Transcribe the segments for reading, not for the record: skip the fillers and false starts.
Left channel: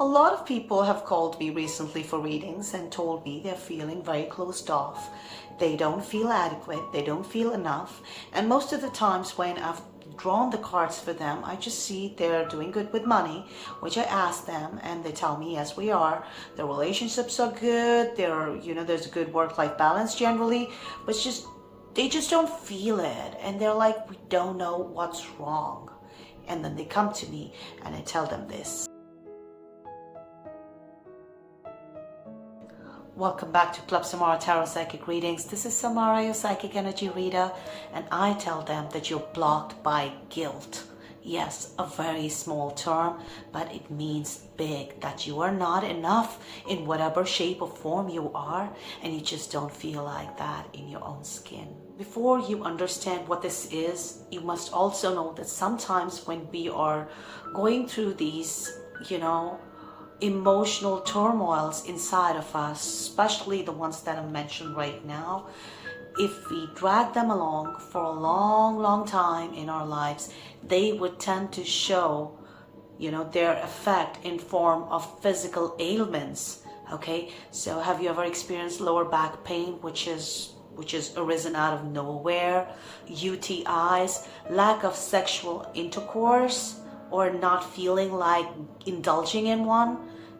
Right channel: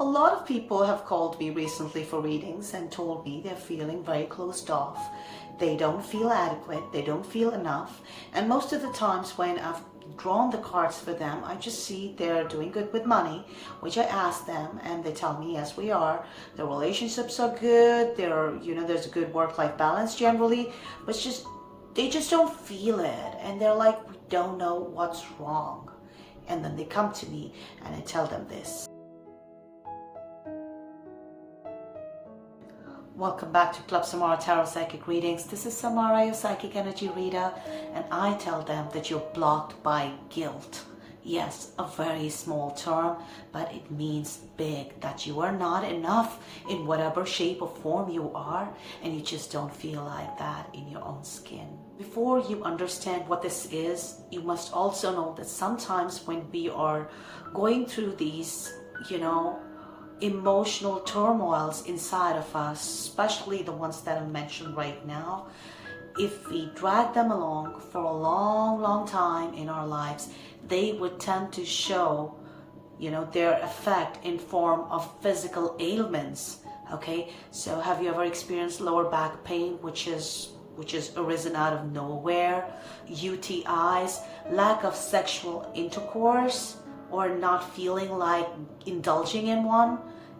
A lot of people have called me recently for readings and told me they're feeling very closed off. They don't feel adequate, they don't feel enough. And most of the times when I've drawn the cards for them, I just see they're doing good with money, which I ask them and they tell me, yes, we are. Their relationships are good, there's a good work-life balance generally, but they just don't feel it. And they're like, we don't know what's wrong. And then they come to me and I tell them this. Welcome back to Club Samara Tarot Psychic Readings. This is Samara, your psychic energy reader, and I tell them that you're blocked by guilt. Yes, a very small term, but it means big, that you are not enough in whatever shape or form you are, and you just don't feel like that in your own skin. Before you understand what this is, you must also know that sometimes when we are going through these, emotional turmoils inside of us, especially the ones that I mentioned right now, if we drag them along for a long time in our lives, they would tend to show, their effect in form of physical ailments. Okay, so have you ever experienced lower back pain, which is arisen out of nowhere, UTIs, lack of sexual intercourse, or not feeling like indulging in one?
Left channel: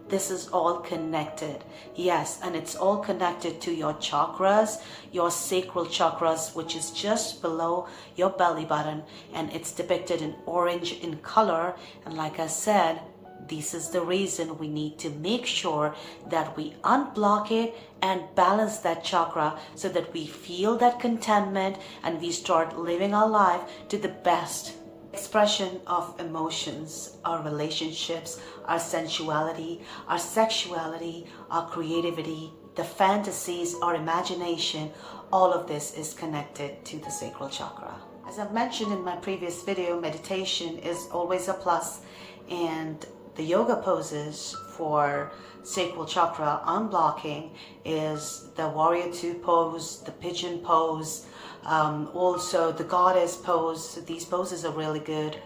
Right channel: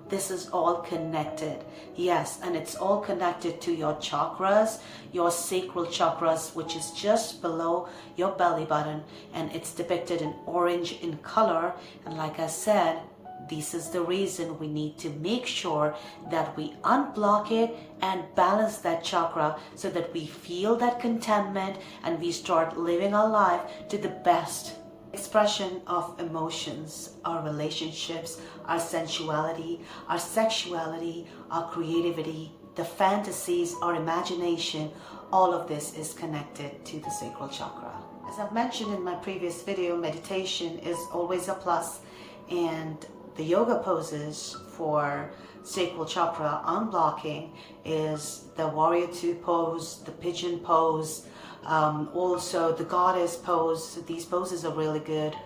This is all connected. Yes, and it's all connected to your chakras, your sacral chakras, which is just below your belly button, and it's depicted in orange in color. And like I said, this is the reason we need to make sure that we unblock it and balance that chakra so that we feel that contentment and we start living our life to the best expression of emotions, our relationships, our sensuality, our sexuality, our creativity, the fantasies, our imagination. All of this is connected to the sacral chakra. As I've mentioned in my previous video, meditation is always a plus, and the yoga poses for sacral chakra unblocking is the warrior two pose, the pigeon pose, also the goddess pose. These poses are really good.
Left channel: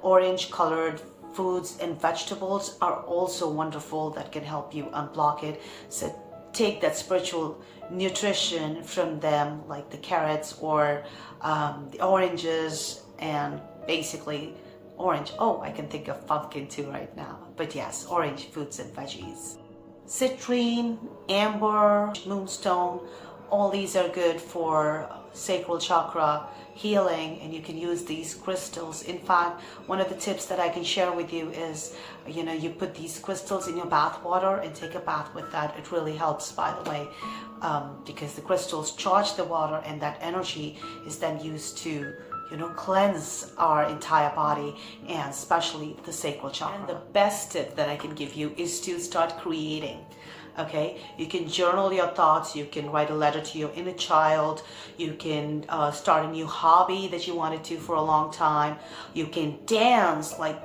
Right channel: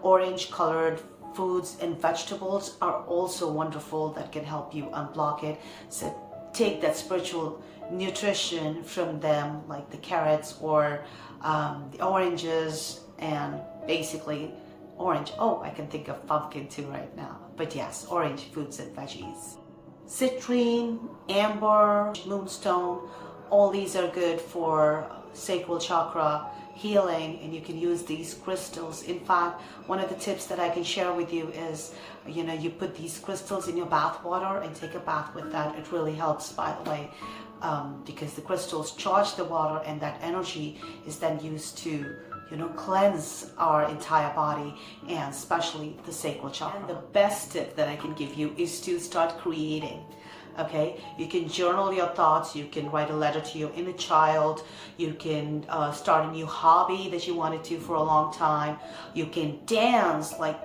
Orange colored foods and vegetables are also wonderful that can help you unblock it. So take that spiritual nutrition from them, like the carrots or the oranges, and basically orange. Oh, I can think of pumpkin too right now. But yes, orange foods and veggies. Citrine, amber, moonstone, all these are good for sacral chakra healing, and you can use these crystals. In fact, one of the tips that I can share with you is, you put these crystals in your bath water and take a bath with that. It really helps, by the way, because the crystals charge the water, and that energy is then used to cleanse our entire body, and especially the sacral chakra. And the best tip that I can give you is to start creating. Okay, you can journal your thoughts, you can write a letter to your inner child, you can start a new hobby that you wanted to for a long time, you can dance, like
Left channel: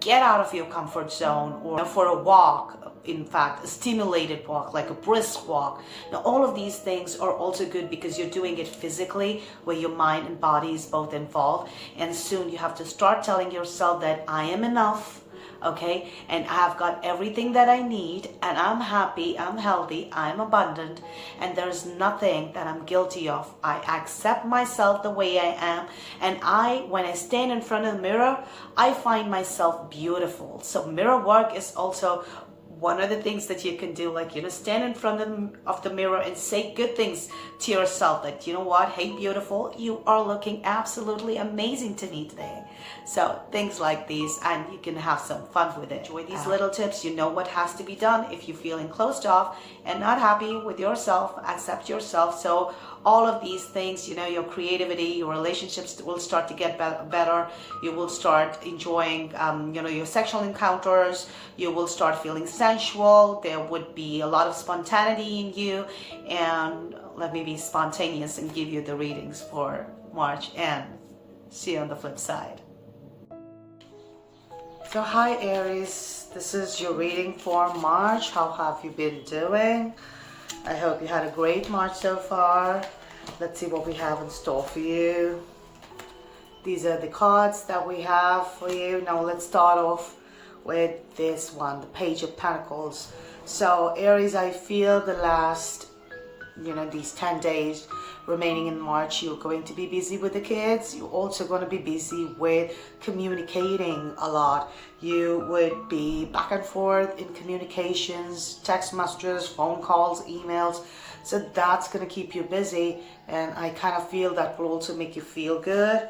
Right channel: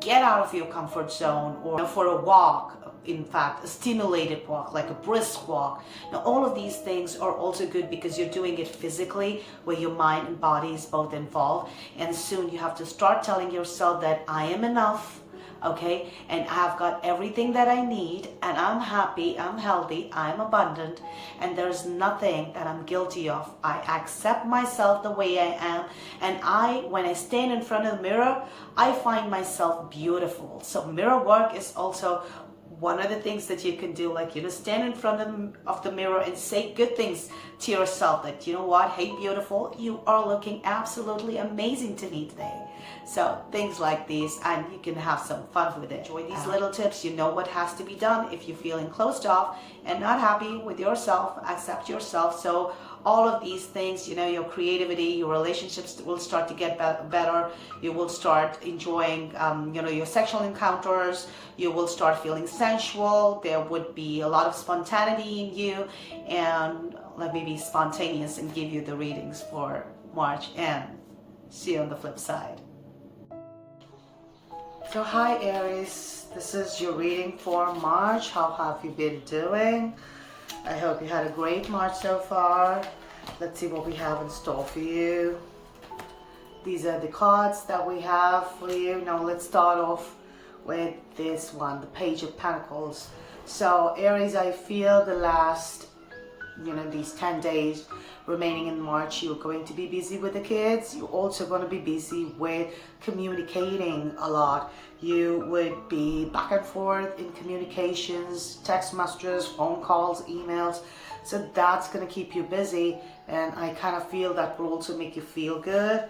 get out of your comfort zone, or for a walk, in fact, a stimulated walk, like a brisk walk. Now, all of these things are also good because you're doing it physically, where your mind and body is both involved. And soon you have to start telling yourself that I am enough, okay, and I've got everything that I need, and I'm happy, I'm healthy, I'm abundant, and there's nothing that I'm guilty of. I accept myself the way I am, and when I stand in front of the mirror, I find myself beautiful. So mirror work is also one of the things that you can do, like, stand in front of the mirror and say good things to yourself, like, what, hey, beautiful, you are looking absolutely amazing to me today. So things like these, and you can have some fun with it. Enjoy these little tips. You know what has to be done if you're feeling closed off and not happy with yourself. Accept yourself. So all of these things, your creativity, your relationships will start to get better. You will start enjoying, your sexual encounters. You will start feeling sensual. There would be a lot of spontaneity in you. And let me be spontaneous and give you the readings for March, and see you on the flip side. So hi Aries, this is your reading for March. How have you been doing? I hope you had a great March so far. Let's see what we have in store for you. These are the cards that we have for you. Now let's start off with this one, the Page of Pentacles. So Aries, I feel the last, these 10 days remaining in March, you're going to be busy with the kids. You're also going to be busy with communicating a lot. You would be back and forth in communications, text messages, phone calls, emails. So that's going to keep you busy. And I kind of feel that will also make you feel good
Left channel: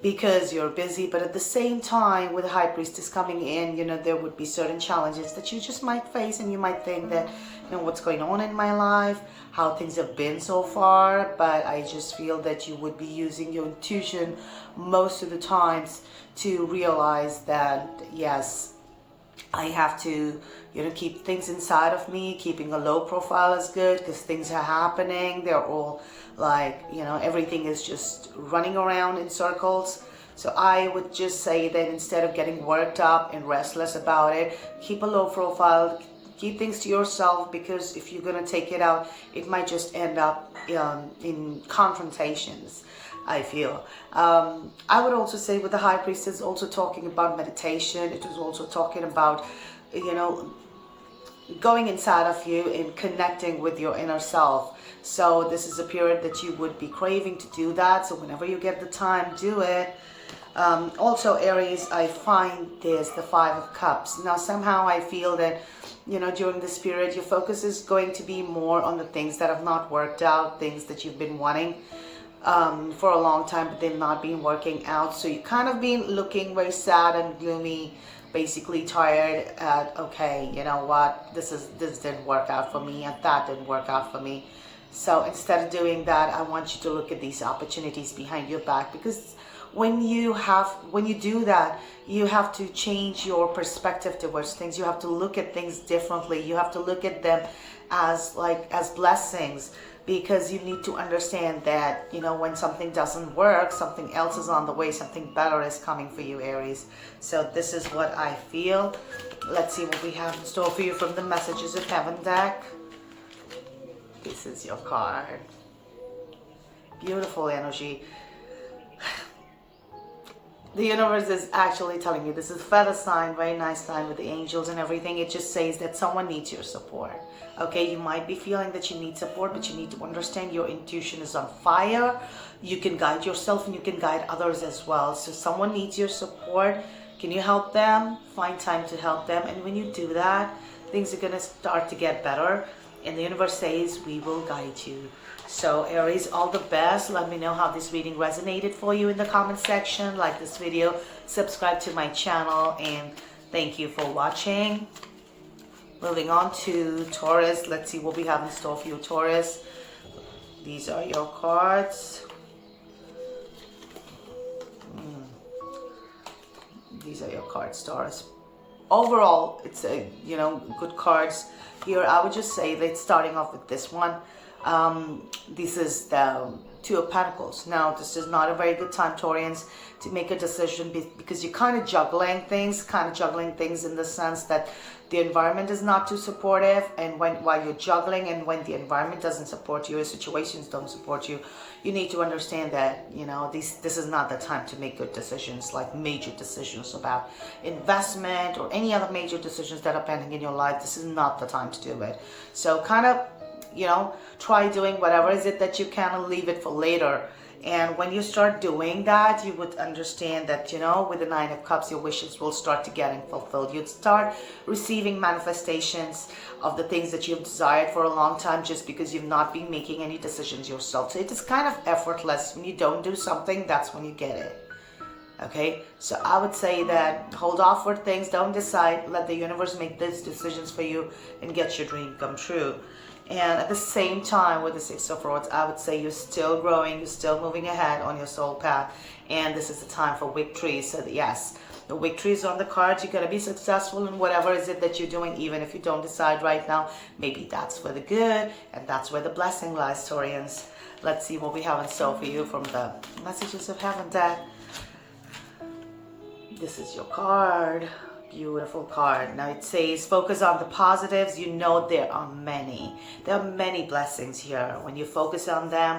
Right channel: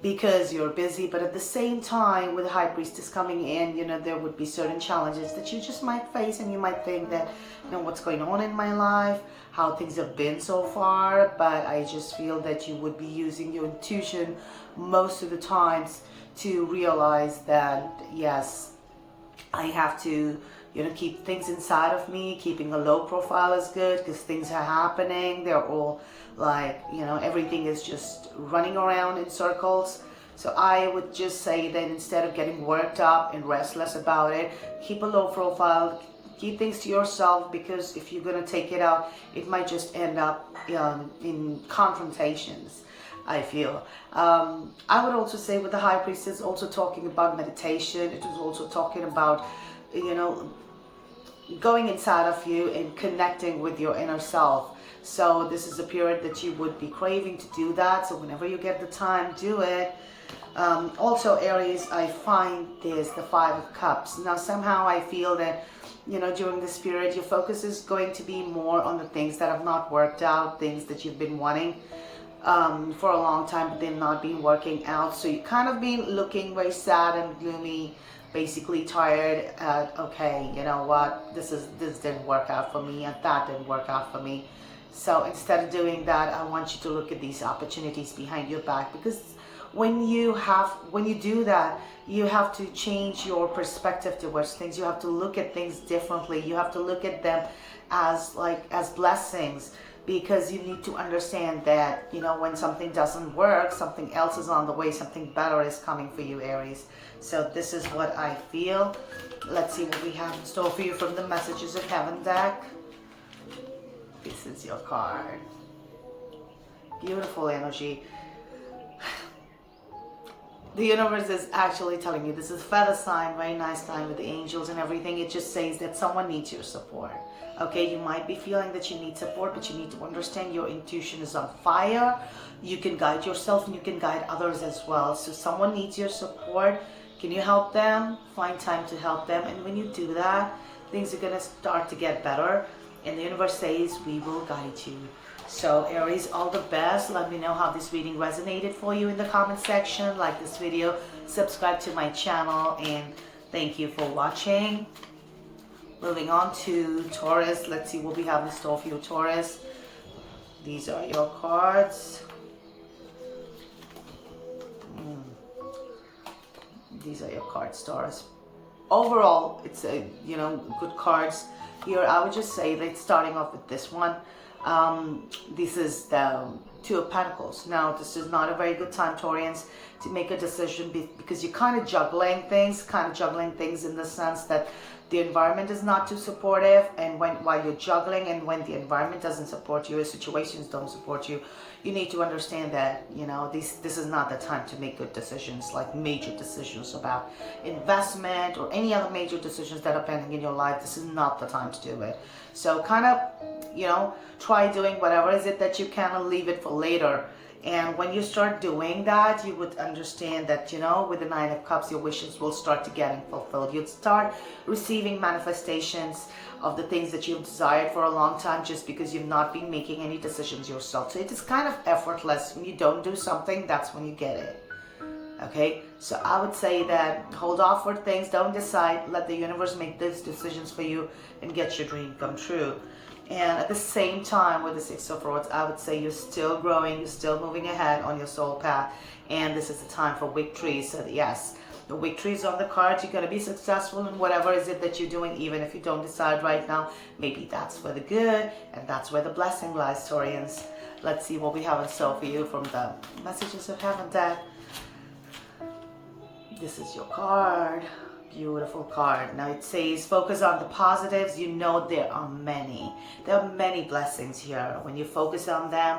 because you're busy. But at the same time, with the High Priestess coming in, there would be certain challenges that you just might face, and you might think that, what's going on in my life, how things have been so far. But I just feel that you would be using your intuition most of the times to realize that, yes, I have to, keep things inside of me. Keeping a low profile is good because things are happening. They're all like, everything is just running around in circles. So I would just say that instead of getting worked up and restless about it, keep a low profile, keep things to yourself, because if you're going to take it out, it might just end up in confrontations, I feel. I would also say with the High Priestess, also talking about meditation. It was also talking about, going inside of you and connecting with your inner self. So this is a period that you would be craving to do that. So whenever you get the time, do it. Also, Aries, I find this, the Five of Cups. Now, somehow I feel that, during this period, your focus is going to be more on the things that have not worked out, things that you've been wanting for a long time, but they've not been working out. So you kind of been looking very sad and gloomy, basically tired at, okay, you know what, this didn't work out for me, and that didn't work out for me. So instead of doing that, I want you to look at these opportunities behind your back, because when you do that, you have to change your perspective towards things. You have to look at things differently. You have to look at them as blessings, because you need to understand that, when something doesn't work, something else is on the way, something better is coming for you, Aries. So this is what I feel. Let's see what we have in store for you from the Messages of Heaven deck. This is your card. Beautiful energy. The universe is actually telling you, this is a feather sign, very nice sign with the angels and everything. It just says that someone needs your support. Okay, you might be feeling that you need support, but you need to understand your intuition is on fire. You can guide yourself and you can guide others as well. So someone needs your support. Can you help them? Find time to help them. And when you do that, things are going to start to get better. And the universe says, we will guide you. So Aries, all the best. Let me know how this reading resonated for you in the comment section. Like this video, subscribe to my channel, and thank you for watching. Moving on to Taurus. Let's see what we have in store for you, Taurus. These are your cards. These are your cards, Taurus. Overall, it's good cards here. I would just say that starting off with this one. This is the Two of Pentacles. Now, this is not a very good time, Taurians, to make a decision, because you're kind of juggling things in the sense that the environment is not too supportive, and while you're juggling, and when the environment doesn't support you, or situations don't support you, you need to understand that, this is not the time to make good decisions, like major decisions about investment or any other major decisions that are pending in your life. This is not the time to do it. So kind of, try doing whatever is it that you can and leave it for later. And when you start doing that, you would understand that, with the Nine of Cups, your wishes will start to getting fulfilled. You'd start receiving manifestations of the things that you've desired for a long time, just because you've not been making any decisions yourself. So it is kind of effortless. When you don't do something, that's when you get it. Okay, so I would say that hold off for things, don't decide, let the universe make these decisions for you and get your dream come true. And at the same time, with the Six of Swords, I would say you're still growing, you're still moving ahead on your soul path, and this is the time for victory. So yes, the victory is on the cards. You're going to be successful in whatever is it that you're doing, even if you don't decide right now. Maybe that's for the good, and that's where the blessing lies, Taurians. Let's see what we have in store for you from the Messages of Heaven deck. This is your card. Beautiful card. Now it says focus on the positives. There are many blessings here when you focus on them,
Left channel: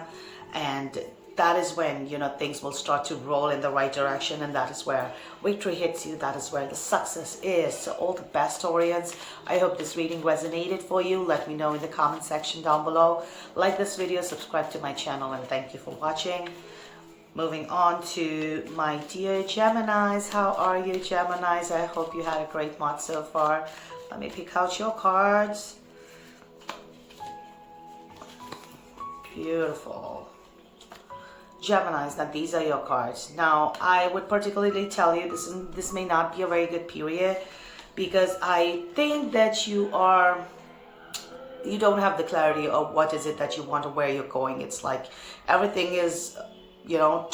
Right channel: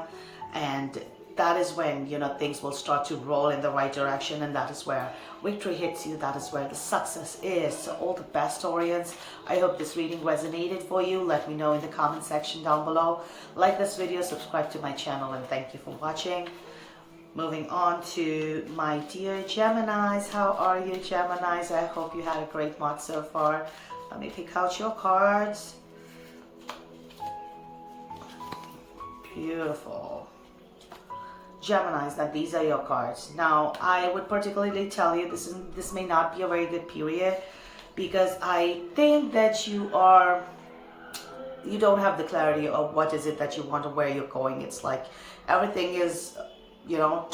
and that is when, you know, things will start to roll in the right direction, and that is where victory hits you. That is where the success is. So all the best, Taurians. I hope this reading resonated for you. Let me know in the comment section down below. Like this video, subscribe to my channel, and thank you for watching. Moving on to my dear Geminis. How are you, Geminis? I hope you had a great month so far. Let me pick out your cards. Beautiful. Geminis, now these are your cards. Now, I would particularly tell you this may not be a very good period, because I think that you don't have the clarity of what is it that you want or where you're going. It's like everything is, you know,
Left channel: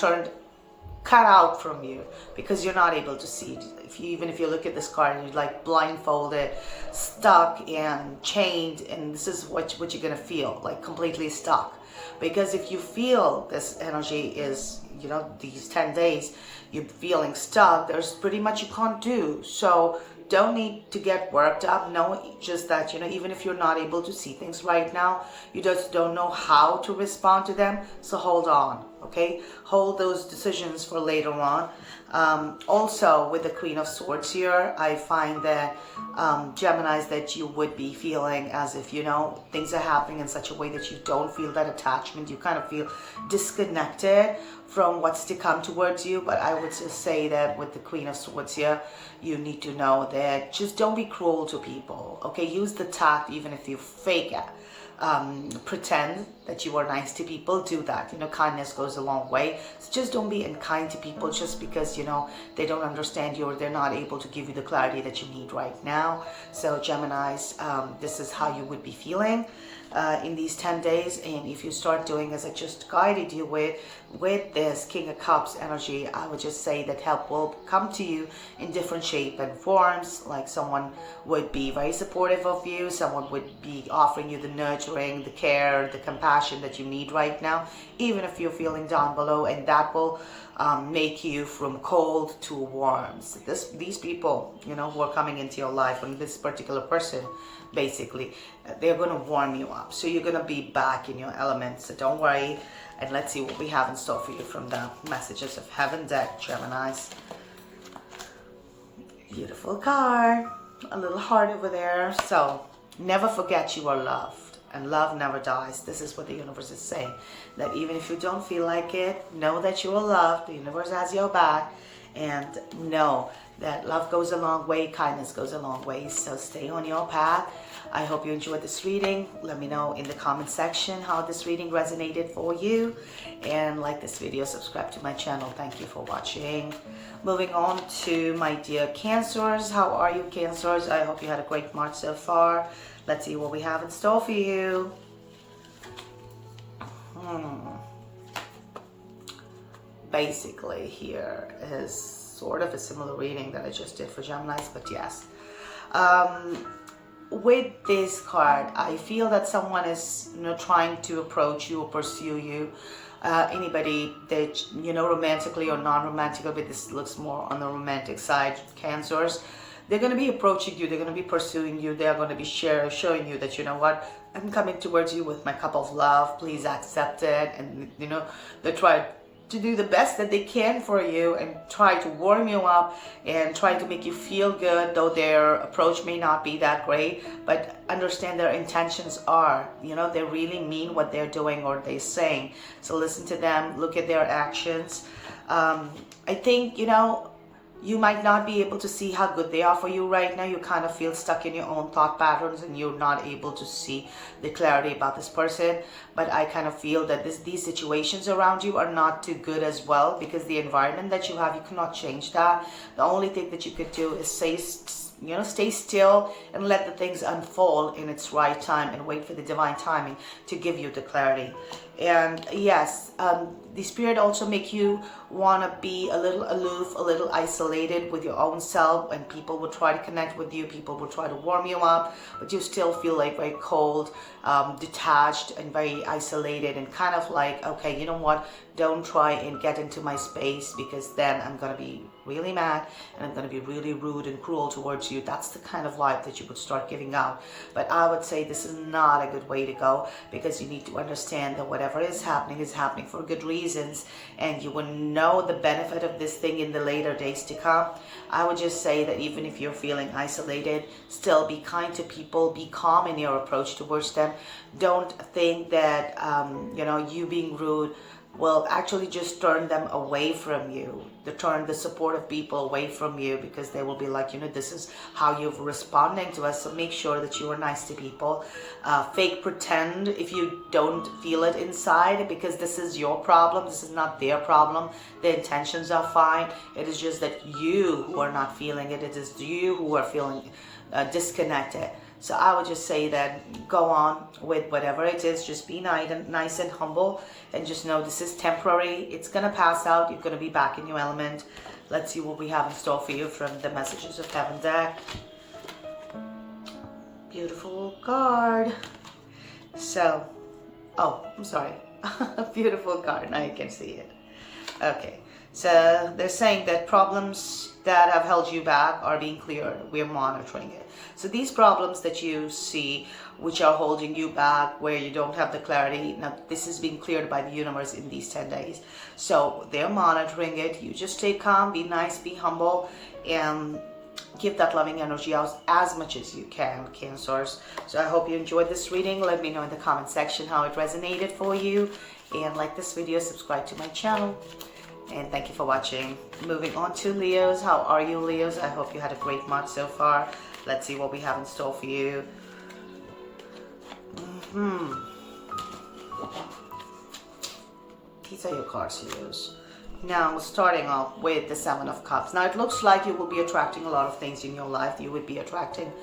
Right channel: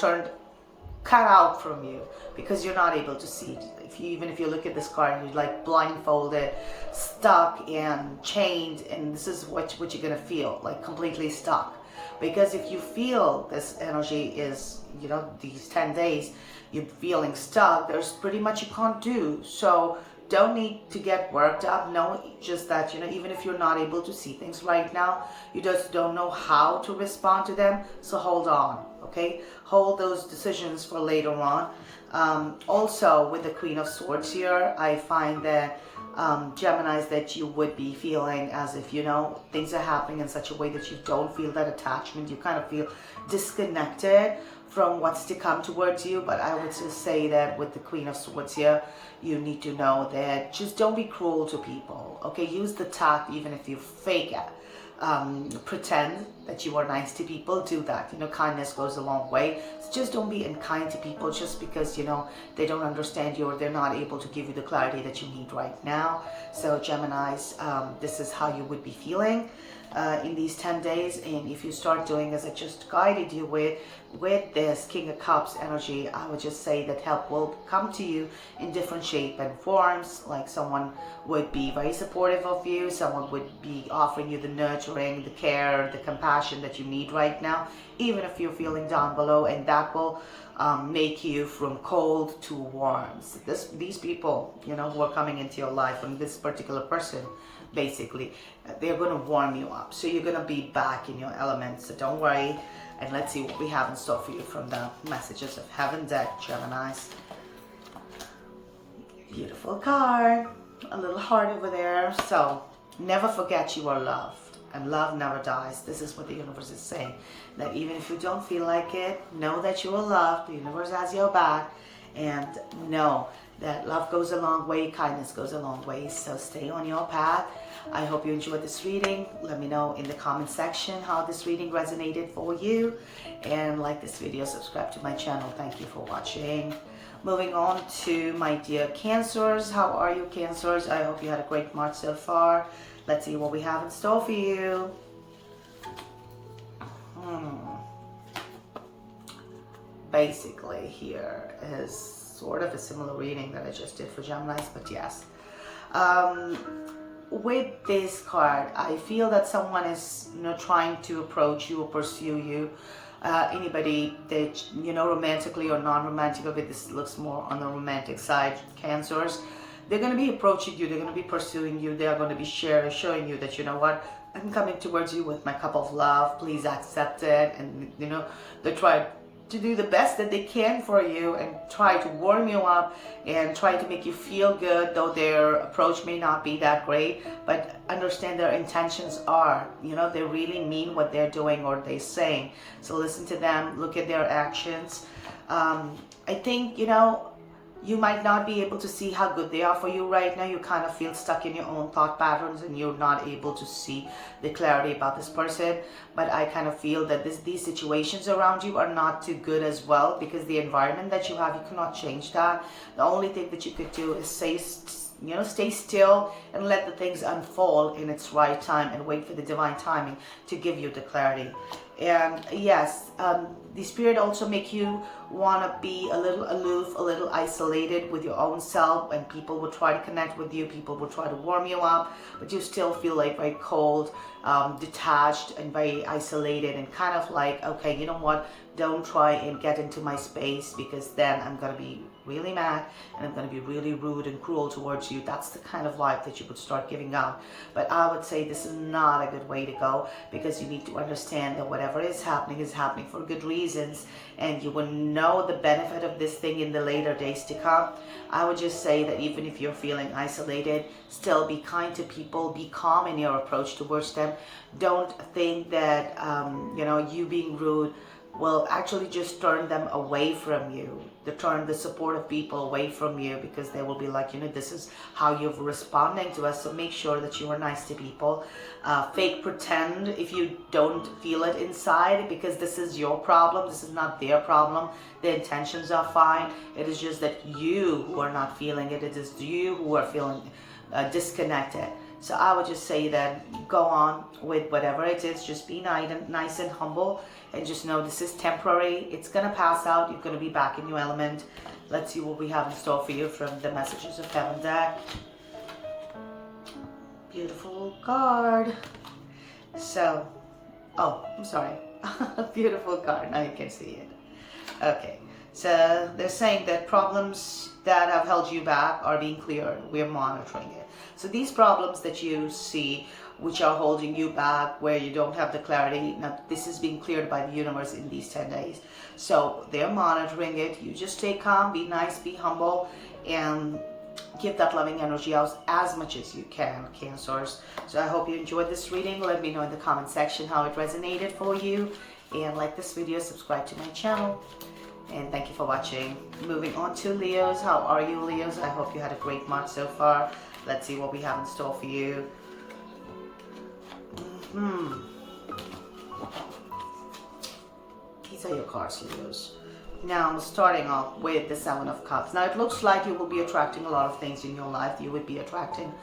cut out from you, because you're not able to see it. Even if you look at this card and you're like blindfolded, stuck and chained, and this is what you're gonna feel, like completely stuck. Because if you feel this energy is, you know, these 10 days, you're feeling stuck, there's pretty much you can't do. So don't need to get worked up. No, just that, you know, even if you're not able to see things right now, you just don't know how to respond to them. So hold on, okay? Hold those decisions for later on. Also, with the Queen of Swords here, I find that Geminis, that you would be feeling as if, you know, things are happening in such a way that you don't feel that attachment. You kind of feel disconnected from what's to come towards you. But I would just say that with the Queen of Swords here, you need to know that just don't be cruel to people, okay? Use the tact, even if you fake it. Pretend that you are nice to people. Do that. You know, kindness goes a long way. So just don't be unkind to people just because, you know, they don't understand you or they're not able to give you the clarity that you need right now. So Geminis, this is how you would be feeling in these 10 days. And if you start doing as I just guided you with this King of Cups energy, I would just say that help will come to you in different shape and forms. Like someone would be very supportive of you, someone would be offering you the nurturing, the care, the compassion that you need right now, even if you're feeling down below, and that will make you from cold to warm. So these people, you know, who are coming into your life, and this particular person, basically, they're going to warm you up. So you're going to be back in your element. So don't worry. And let's see what we have in store for you from the Messages of Heaven deck, Geminis. Beautiful card. A little heart over there. So never forget you are loved. And love never dies. This is what the universe is saying. That even if you don't feel like it, know that you are loved. The universe has your back. And know that love goes a long way, kindness goes a long way. So stay on your path. I hope you enjoyed this reading. Let me know in the comment section how this reading resonated for you. And like this video, subscribe to my channel. Thank you for watching. Moving on to my dear Cancers. How are you, Cancers? I hope you had a great March so far. Let's see what we have in store for you. Basically, here is sort of a similar reading that I just did for Geminis, but yes. With this card, I feel that someone is, you know, trying to approach you or pursue you. Anybody that, you know, romantically or non-romantically, but this looks more on the romantic side, Cancers. They're going to be approaching you. They're going to be pursuing you. They're going to be showing you that, you know what, I'm coming towards you with my cup of love. Please accept it. And, you know, they try to do the best that they can for you and try to warm you up and try to make you feel good, though their approach may not be that great. But understand their intentions are, you know, they really mean what they're doing or they're saying. So listen to them. Look at their actions. I think, you know, you might not be able to see how good they are for you right now. You kind of feel stuck in your own thought patterns and you're not able to see the clarity about this person. But I kind of feel that these situations around you are not too good as well, because the environment that you have, you cannot change that. The only thing that you could do is stay still and let the things unfold in its right time and wait for the divine timing to give you the clarity. And yes, the spirit also make you want to be a little aloof, a little isolated with your own self, and people will try to connect with you, people will try to warm you up, but you still feel like very cold, detached and very isolated, and kind of like, okay, you know what, Don't try and get into my space, because then I'm going to be really mad and I'm going to be really rude and cruel towards you. That's the kind of vibe that you would start giving out. But I would say this is not a good way to go, because you need to understand that whatever is happening for good reasons, and you will know the benefit of this thing in the later days to come. I would just say that even if you're feeling isolated, still be kind to people, be calm in your approach towards them. Don't think that you being rude will actually just turn them away from you, to turn the supportive people away from you, because they will be like, this is how you're responding to us. So make sure that you are nice to people. Fake pretend if you don't feel it inside, because this is your problem. This is not their problem. The intentions are fine. It is just that you who are not feeling it. It is you who are feeling disconnected. So I would just say that go on with whatever it is. Just be nice and humble, and just know this is temporary. It's going to pass out. You're going to be back in your element. Let's see what we have in store for you from the Messages of Heaven deck. Beautiful card. So, I'm sorry. Beautiful card. Now you can see it. Okay. So they're saying that problems that have held you back are being cleared. We're monitoring it. So these problems that you see, which are holding you back, where you don't have the clarity, now this is being cleared by the universe in these 10 days. So they're monitoring it. You just stay calm, be nice, be humble, and give that loving energy out as much as you can, Cancers. So I hope you enjoyed this reading. Let me know in the comment section how it resonated for you. And like this video, subscribe to my channel. And thank you for watching. Moving on to Leos. How are you, Leos? I hope you had a great month so far. Let's see what we have in store for you. These are your cards, Leos. Now, starting off with the Seven of Cups. Now, it looks like you will be attracting a lot of things in your life. You would be attracting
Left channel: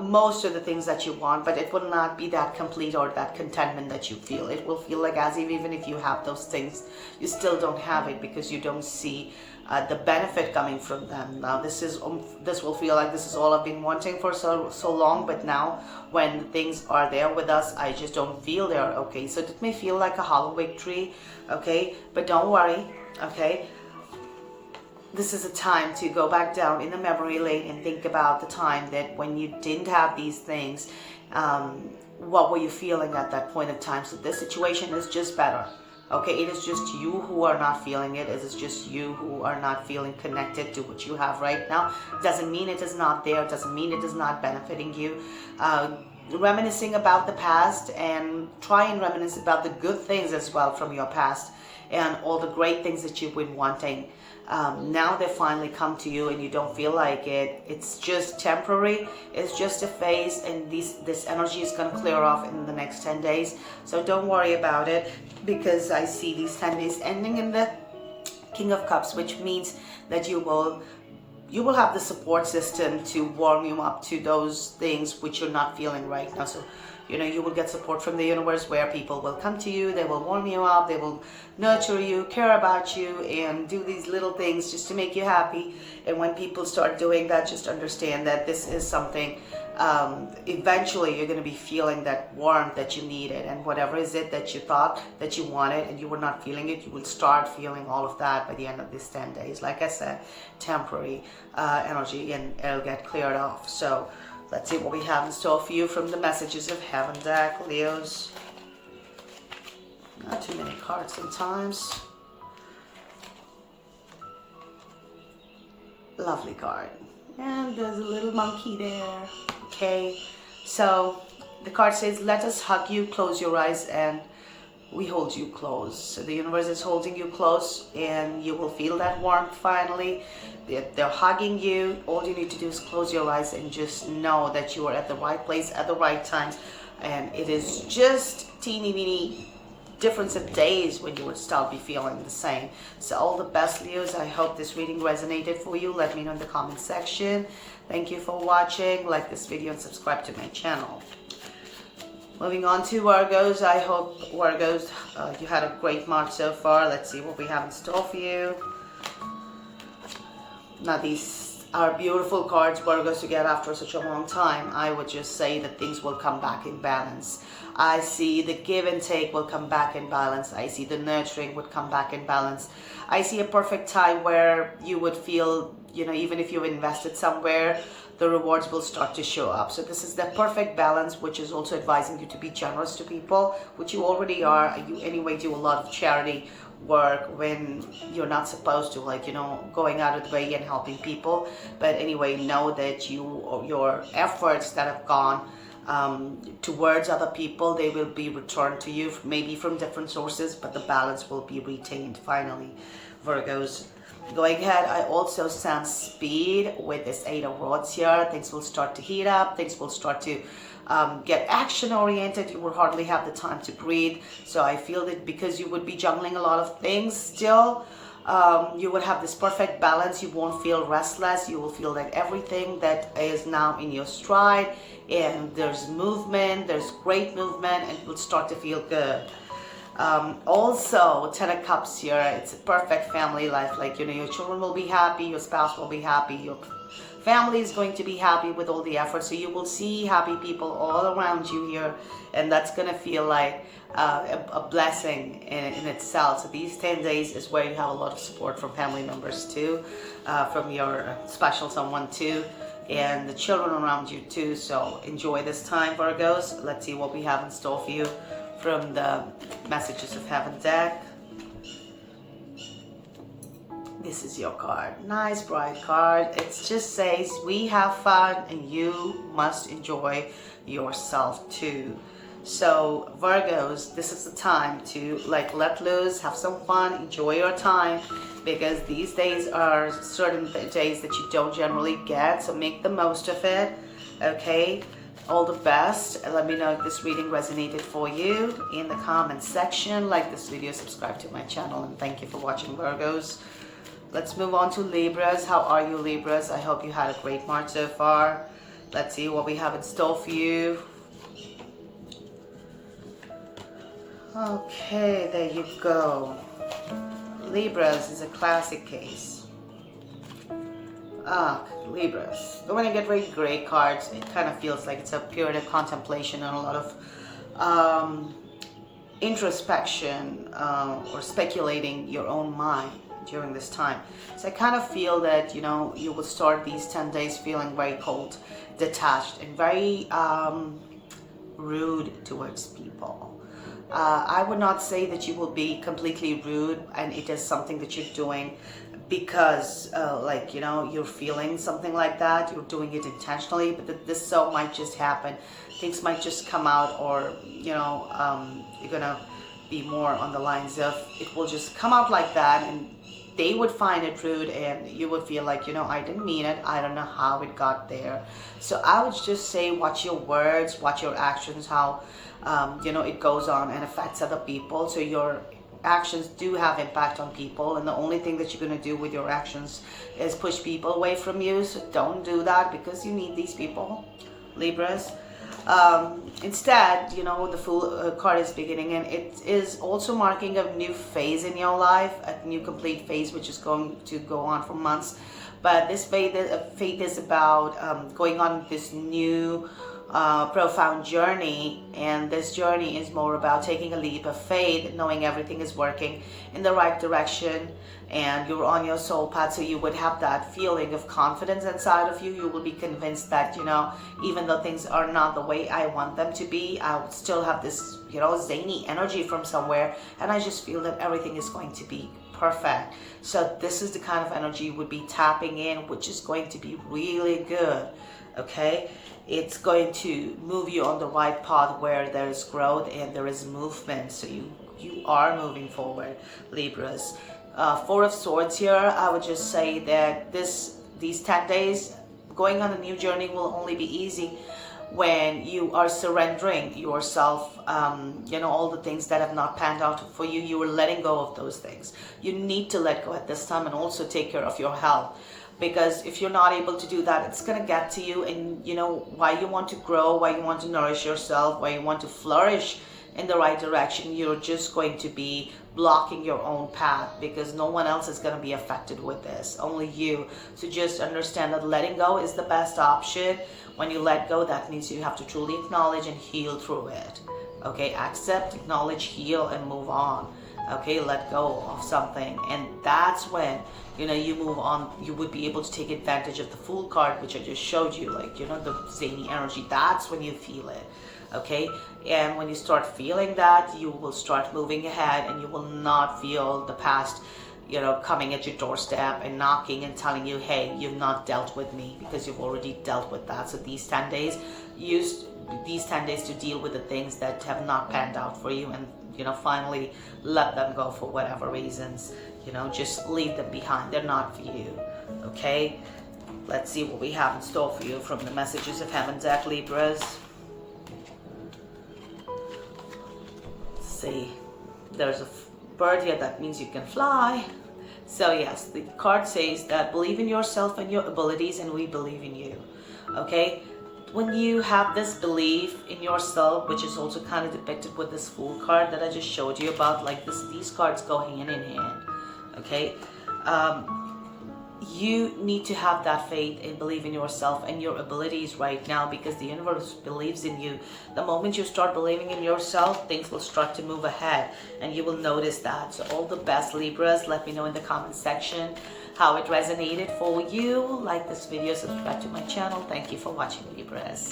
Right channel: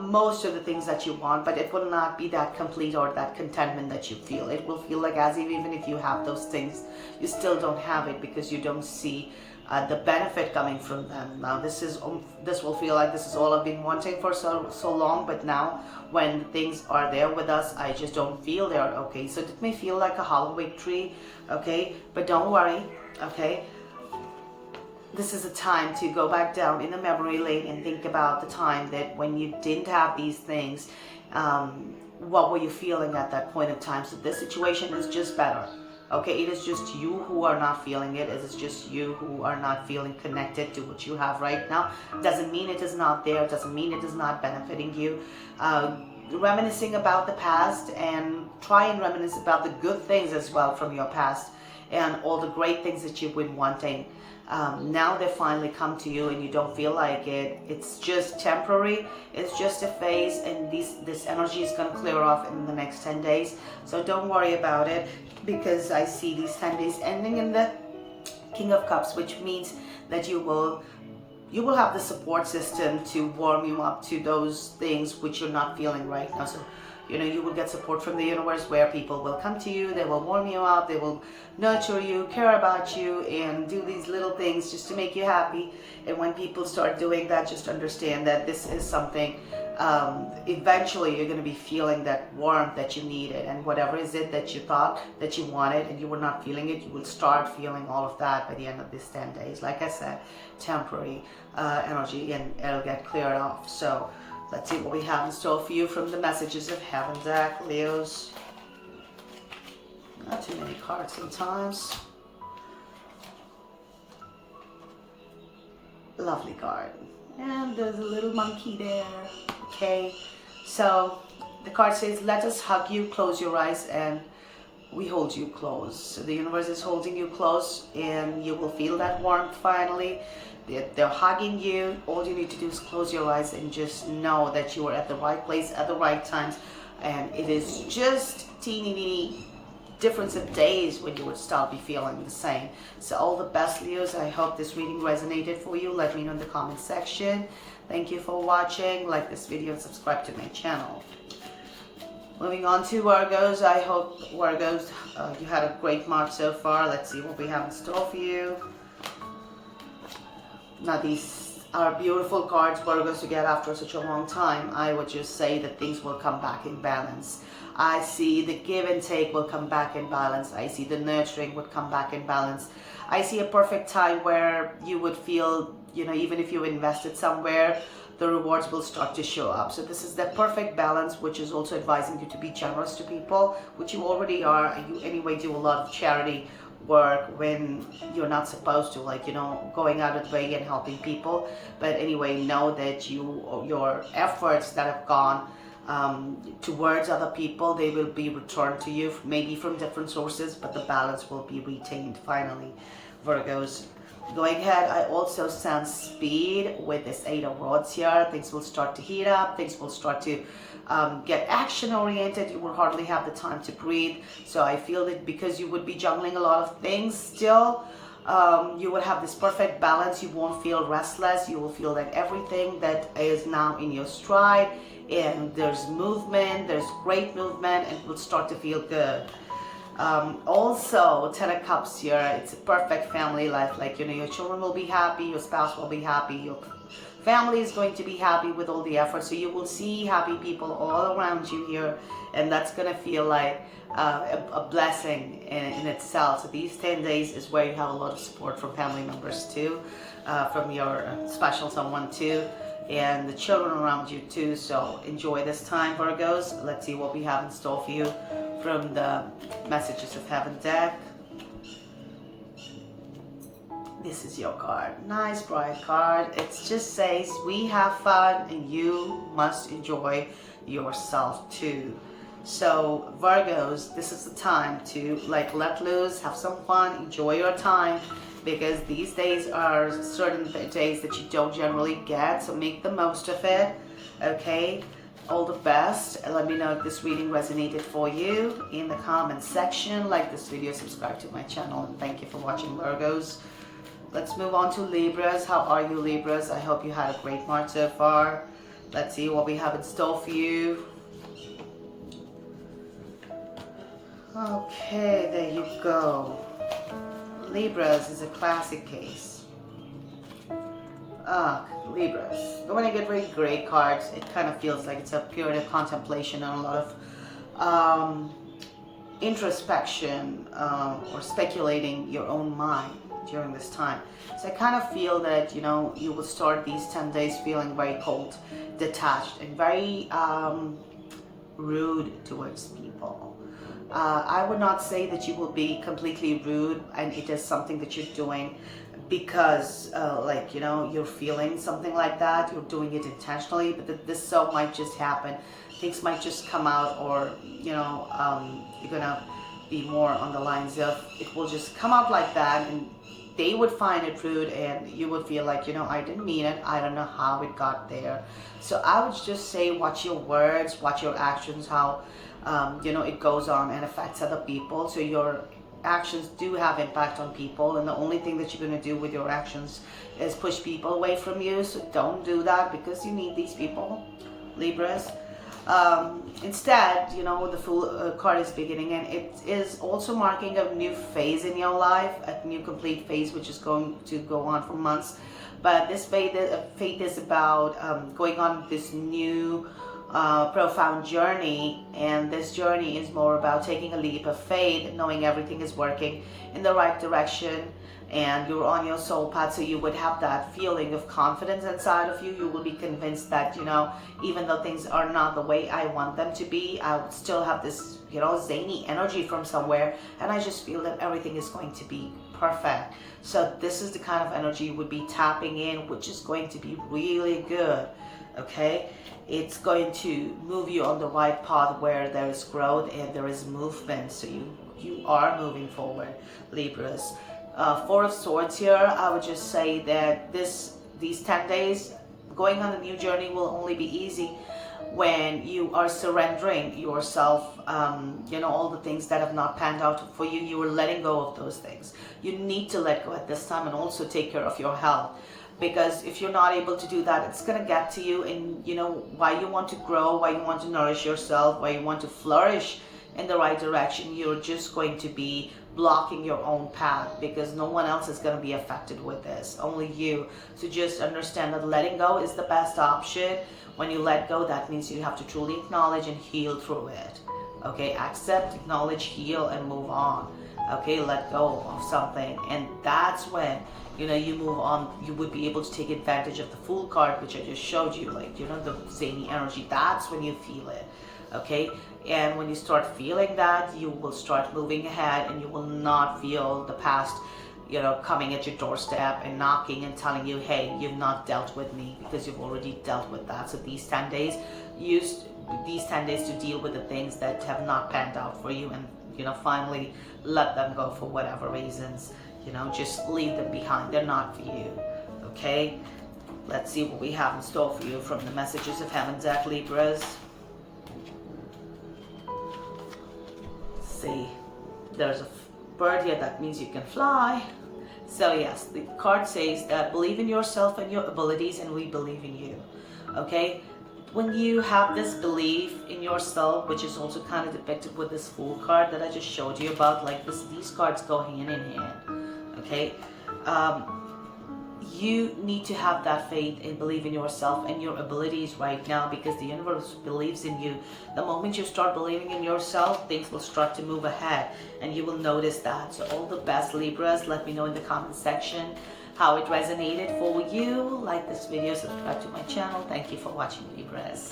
most of the things that you want, but it will not be that complete or that contentment that you feel. It will feel like as if even if you have those things, you still don't have it, because you don't see the benefit coming from them. Now this will feel like this is all I've been wanting for so long, but now when things are there with us, I just don't feel there. Okay, so it may feel like a hollow victory. Okay, but don't worry. Okay, this is a time to go back down in the memory lane and think about the time that when you didn't have these things. What were you feeling at that point of time? So this situation is just better. Okay, it is just you who are not feeling it. It is just you who are not feeling connected to what you have right now. Doesn't mean it is not there. Doesn't mean it is not benefiting you. Reminiscing about the past, and try and reminisce about the good things as well from your past, and all the great things that you've been wanting. Now they finally come to you and you don't feel like it. It's just temporary. It's just a phase, and this energy is going to clear off in the next 10 days. So don't worry about it, because I see these 10 days ending in the King of Cups, which means that you will have the support system to warm you up to those things which you're not feeling right now. So you will get support from the universe, where people will come to you, they will warm you up, they will nurture you, care about you, and do these little things just to make you happy. And when people start doing that, just understand that this is something, eventually you're going to be feeling that warmth that you needed, and whatever is it that you thought that you wanted and you were not feeling it, you will start feeling all of that by the end of these 10 days. Like I said, temporary energy, and it'll get cleared off. So let's see what we have in store for you from the Messages of Heaven deck, Leos. Not too many cards sometimes. Lovely card. And there's a little monkey there. Okay. So the card says, let us hug you, close your eyes, and we hold you close. So the universe is holding you close, and you will feel that warmth finally. They're hugging you. All you need to do is close your eyes and just know that you are at the right place at the right times. And it is just teeny weeny difference of days when you would start be feeling the same. So all the best, Leos. I hope this reading resonated for you. Let me know in the comment section. Thank you for watching. Like this video and subscribe to my channel. Moving on to Virgos. I hope, Virgos, you had a great March so far. Let's see what we have in store for you. Now these our beautiful cards, Virgos, to get after such a long time, I would just say that things will come back in balance. I see the give and take will come back in balance. I see the nurturing would come back in balance. I see a perfect time where you would feel, you know, even if you invested somewhere, the rewards will start to show up. So this is the perfect balance, which is also advising you to be generous to people, which you already are. You anyway do a lot of charity work when you're not supposed to, like, you know, going out of the way and helping people. But anyway, know that your efforts that have gone towards other people, they will be returned to you, maybe from different sources, but the balance will be retained. Finally, Virgos, going ahead, I also sense speed with this 8 of Rods here. Things will start to heat up. Things will start to get action oriented. You will hardly have the time to breathe. So I feel that because you would be juggling a lot of things still, you will have this perfect balance. You won't feel restless. You will feel that everything that is now in your stride, and there's movement, there's great movement, and it will start to feel good. Also, 10 of Cups here, it's a perfect family life. Like, you know, your children will be happy, your spouse will be happy, your family is going to be happy with all the effort. So you will see happy people all around you here, and that's going to feel like a blessing in itself. So these 10 days is where you have a lot of support from family members too, from your special someone too, and the children around you too. So enjoy this time, Virgos. Let's see what we have in store for you from the Messages of Heaven deck. This is your card. Nice bright card. It just says we have fun and you must enjoy yourself too. So Virgos, this is the time to like let loose, have some fun, enjoy your time, because these days are certain days that you don't generally get, so make the most of it. Okay, all the best. Let me know if this reading resonated for you in the comment section. Like this video, subscribe to my channel, and thank you for watching, Virgos. Let's move on to Libras. How are you, Libras? I hope you had a great March so far. Let's see what we have in store for you. Okay, there you go. Libras is a classic case. Libras. But when I get very great cards, it kind of feels like it's a period of contemplation and a lot of introspection or speculating your own mind during this time. So I kind of feel that, you know, you will start these 10 days feeling very cold, detached, and very rude towards people. I would not say that you will be completely rude and it is something that you're doing because like, you know, you're feeling something like that. You're doing it intentionally, but this so might just happen. Things might just come out, or, you know, you're gonna be more on the lines of it will just come out like that, and they would find it rude, and you would feel like, you know, I didn't mean it. I don't know how it got there. So I would just say watch your words, watch your actions, how you know, it goes on and affects other people. So your actions do have impact on people, and the only thing that you're going to do with your actions is push people away from you. So don't do that, because you need these people, Libras. Instead, you know, the Fool card is beginning, and it is also marking a new phase in your life, a new complete phase, which is going to go on for months. But this phase is about going on this new profound journey, and this journey is more about taking a leap of faith, knowing everything is working in the right direction, and you're on your soul path. So you would have that feeling of confidence inside of you. You will be convinced that, you know, even though things are not the way I want them to be, I would still have this, you know, zany energy from somewhere, and I just feel that everything is going to be perfect. So this is the kind of energy you would be tapping in, which is going to be really good. Okay, it's going to move you on the right path where there is growth and there is movement. So you are moving forward, Libras. Four of Swords here. I would just say that these 10 days going on a new journey will only be easy when you are surrendering yourself, you know, all the things that have not panned out for you. You are letting go of those things. You need to let go at this time, and also take care of your health. Because if you're not able to do that, it's going to get to you. And, you know, why you want to grow, why you want to nourish yourself, why you want to flourish in the right direction, you're just going to be blocking your own path, because no one else is going to be affected with this, only you. So just understand that letting go is the best option. When you let go, that means you have to truly acknowledge and heal through it. Okay, accept, acknowledge, heal, and move on. Okay, let go of something, and that's when, you know, you move on. You would be able to take advantage of the Fool card, which I just showed you, like, you know, the zany energy. That's when you feel it. Okay, and when you start feeling that, you will start moving ahead, and you will not feel the past, you know, coming at your doorstep and knocking and telling you, hey, you've not dealt with me, because you've already dealt with that. So these 10 days, use these 10 days to deal with the things that have not panned out for you, and, you know, finally let them go for whatever reasons. You know, just leave them behind. They're not for you. Okay, let's see what we have in store for you from the Messages of Heaven deck, Libras. See, there's a bird here. That means you can fly. So yes, the card says that believe in yourself and your abilities, and we believe in you. Okay, when you have this belief in yourself, which is also kind of depicted with this Fool card that I just showed you about, like this, these cards go hand in hand. Okay, you need to have that faith and believe in yourself and your abilities right now, because the universe believes in you. The moment you start believing in yourself, things will start to move ahead, and you will notice that. So all the best, Libras. Let me know in the comment section how it resonated for you. Like this video, subscribe to my channel. Thank you for watching, Libras.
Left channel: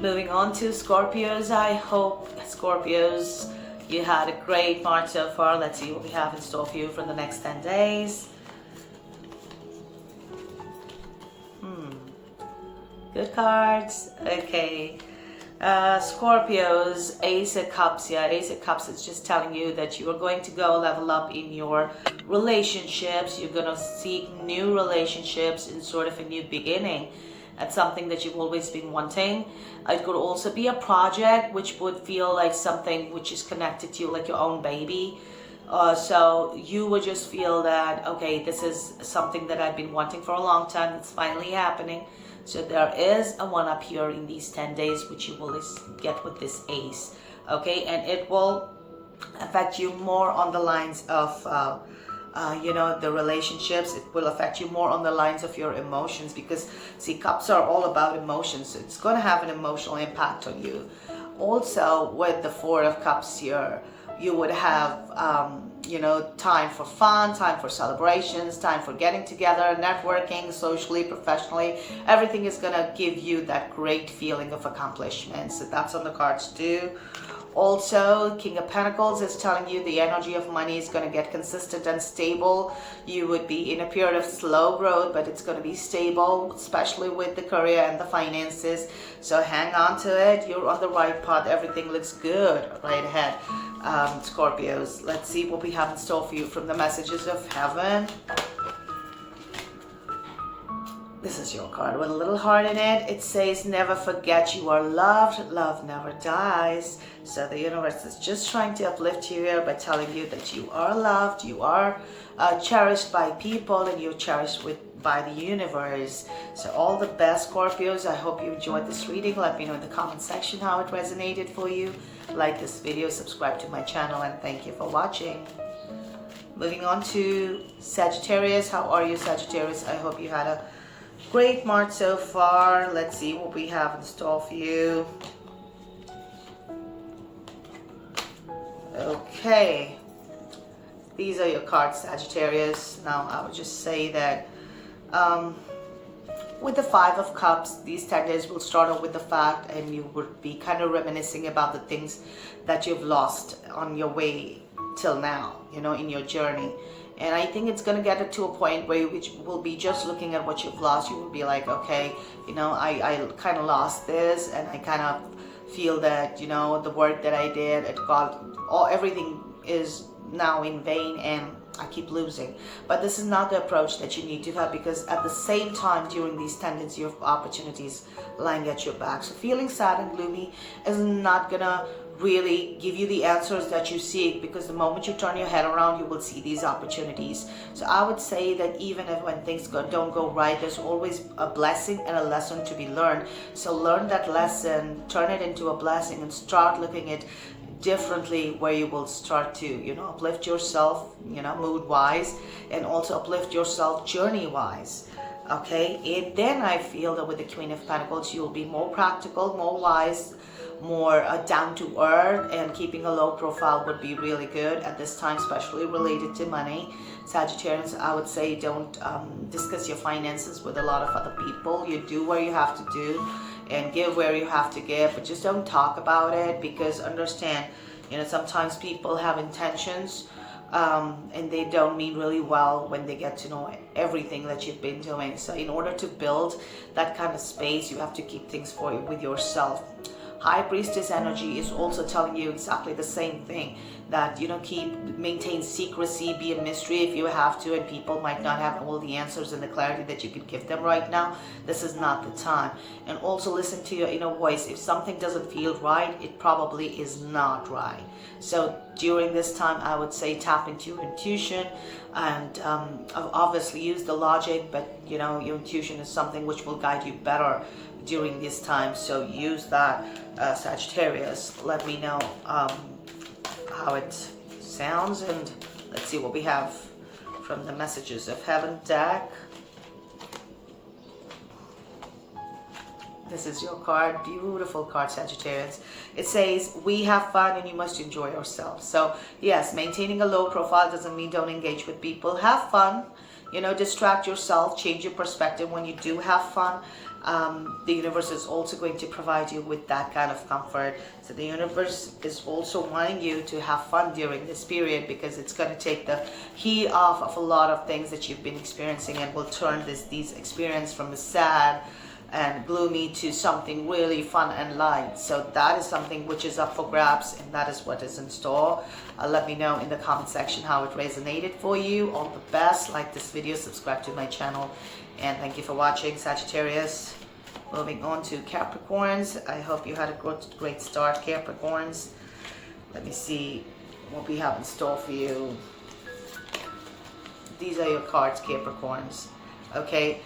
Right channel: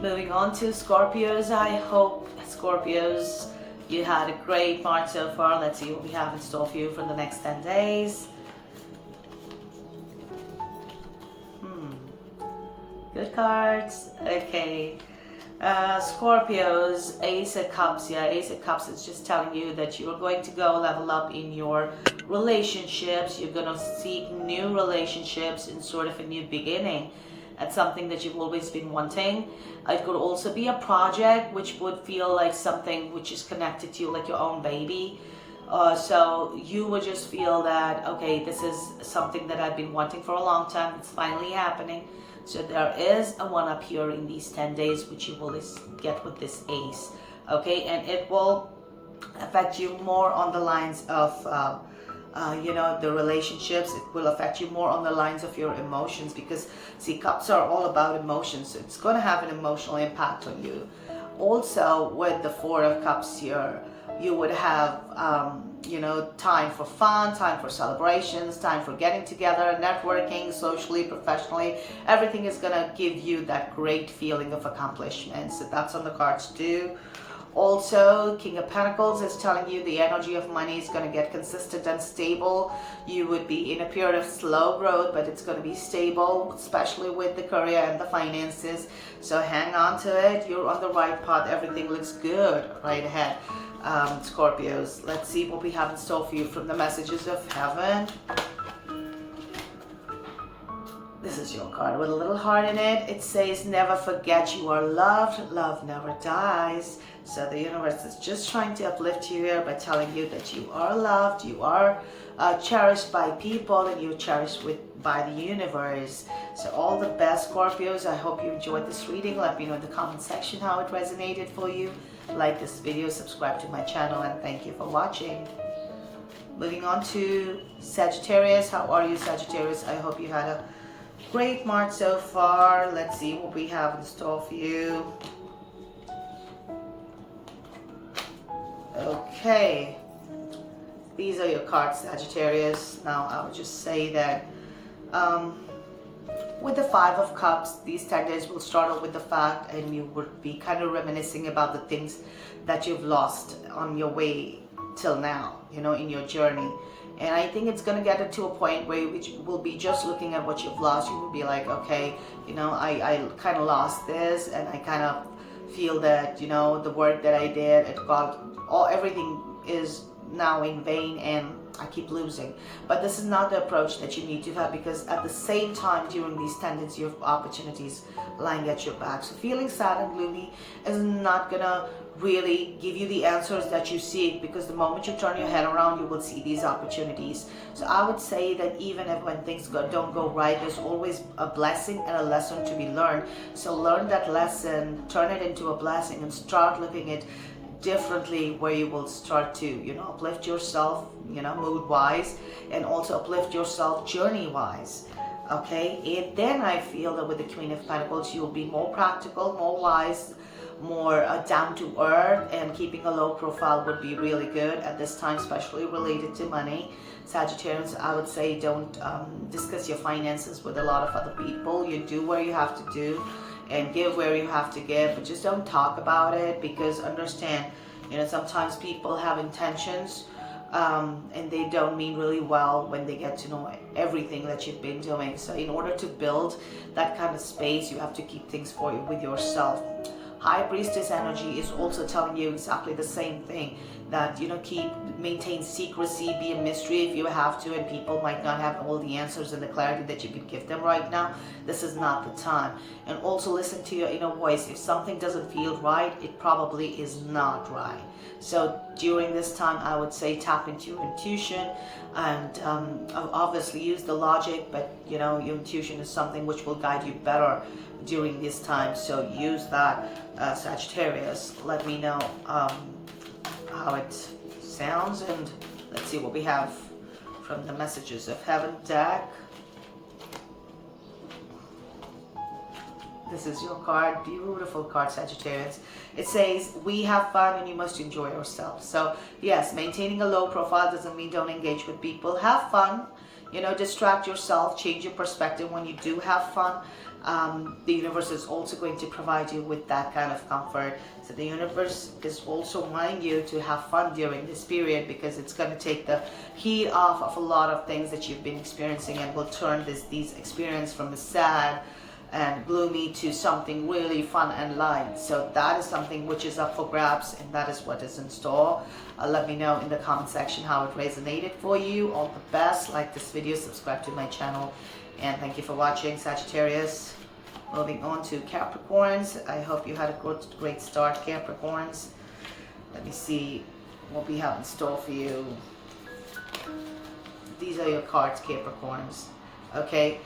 Moving on to Scorpios. I hope, Scorpios, you had a great March so far. Let's see what we have in store for you for the next 10 days. Good cards. Okay. Scorpios, Ace of Cups. Yeah, Ace of Cups is just telling you that you are going to go level up in your relationships. You're going to seek new relationships in sort of a new beginning at something that you've always been wanting. It could also be a project which would feel like something which is connected to you, like your own baby. So you would just feel that, okay, this is something that I've been wanting for a long time. It's finally happening. So there is a one-up here in these 10 days, which you will get with this Ace. Okay, and it will affect you more on the lines of, you know, the relationships. It will affect you more on the lines of your emotions, because, see, Cups are all about emotions. So it's going to have an emotional impact on you. Also, with the Four of Cups here, you would have, you know, time for fun, time for celebrations, time for getting together, networking, socially, professionally. Everything is going to give you that great feeling of accomplishment. So that's on the cards too. Also, King of Pentacles is telling you the energy of money is going to get consistent and stable. You would be in a period of slow growth, but it's going to be stable, especially with the career and the finances. So hang on to it. You're on the right path. Everything looks good right ahead. Scorpios, let's see what we have in store for you from the Messages of Heaven. This is your card with a little heart in it. It says, never forget you are loved. Love never dies. So the universe is just trying to uplift you here by telling you that you are loved, you are cherished by people, and you're cherished by the universe. So all the best, Scorpios. I hope you enjoyed this reading. Let me know in the comment section how it resonated for you. Like this video, subscribe to my channel, and thank you for watching. Moving on to Sagittarius. How are you, Sagittarius? I hope you had a great March so far. Let's see what we have in store for you. Okay, these are your cards, Sagittarius. Now I would just say that with the Five of Cups, these 10 days will start off with the fact, and you would be kind of reminiscing about the things that you've lost on your way till now, you know, in your journey. And I think it's going to get to a point where you will be just looking at what you've lost. You will be like, okay, you know, I kind of lost this, and I kind of feel that, you know, the work that I did, everything is now in vain, and I keep losing. But this is not the approach that you need to have, because at the same time, during these 10 days, you have opportunities lying at your back. So feeling sad and gloomy is not gonna really give you the answers that you seek, because the moment you turn your head around, you will see these opportunities. So I would say that even if when things don't go right, there's always a blessing and a lesson to be learned. So learn that lesson, turn it into a blessing, and start looking at differently, where you will start to, you know, uplift yourself, you know, mood wise, and also uplift yourself journey wise. Okay, and then I feel that with the Queen of Pentacles, you'll be more practical, more wise, more down to earth, and keeping a low profile would be really good at this time, especially related to money. Sagittarians, I would say don't discuss your finances with a lot of other people. You do where you have to do and give where you have to give, but just don't talk about it, because understand, you know, sometimes people have intentions and they don't mean really well when they get to know everything that you've been doing. So in order to build that kind of space, you have to keep things for you with yourself. High Priestess energy is also telling you exactly the same thing, that, you know, maintain secrecy, be a mystery if you have to, and people might not have all the answers and the clarity that you could give them right now. This is not the time. And also listen to your inner voice. If something doesn't feel right, it probably is not right. So during this time, I would say tap into your intuition, and obviously use the logic, but you know, your intuition is something which will guide you better during this time. So use that, Sagittarius. Let me know how it sounds, and let's see what we have from the Messages of Heaven deck. This is your card, beautiful card, Sagittarius. It says, we have fun and you must enjoy yourself. So yes, maintaining a low profile doesn't mean don't engage with people. Have fun, you know, distract yourself, change your perspective when you do have fun. The universe is also going to provide you with that kind of comfort. So the universe is also wanting you to have fun during this period, because it's going to take the heat off of a lot of things that you've been experiencing, and will turn these experiences from a sad and gloomy to something really fun and light. So that is something which is up for grabs, and that is what is in store. Let me know in the comment section how it resonated for you. All the best. Like this video, subscribe to my channel, and thank you for watching, Sagittarius. Moving on to Capricorns. I hope you had a great start, Capricorns. Let me see what we have in store for you. These are your cards, Capricorns. Okay.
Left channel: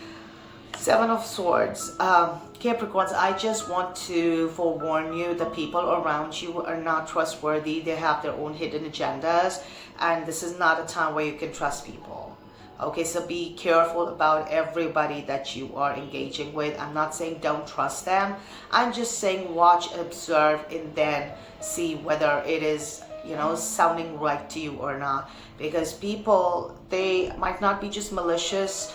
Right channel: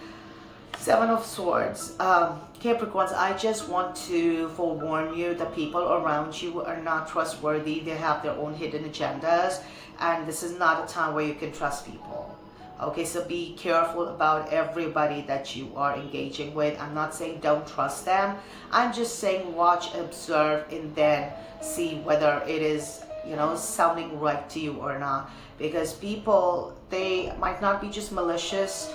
Seven of Swords. Capricorns, I just want to forewarn you, the people around you are not trustworthy. They have their own hidden agendas, and this is not a time where you can trust people. Okay, so be careful about everybody that you are engaging with. I'm not saying don't trust them. I'm just saying watch, observe, and then see whether it is, you know, sounding right to you or not. Because people, they might not be just malicious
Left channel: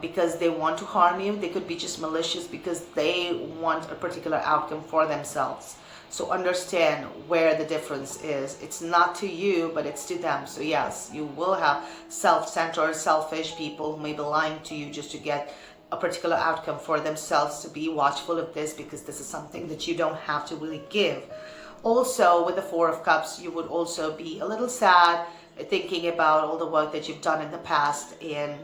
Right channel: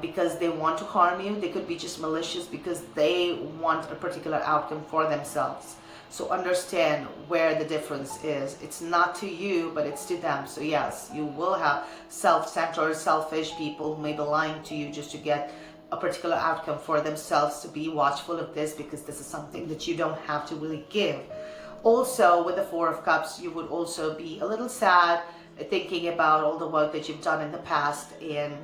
because they want to harm you. They could be just malicious because they want a particular outcome for themselves. So understand where the difference is. It's not to you, but it's to them. So yes, you will have self-centered, selfish people who may be lying to you just to get a particular outcome for themselves. So be watchful of this, because this is something that you don't have to really give. Also, with the Four of Cups, you would also be a little sad, thinking about all the work that you've done in the past, and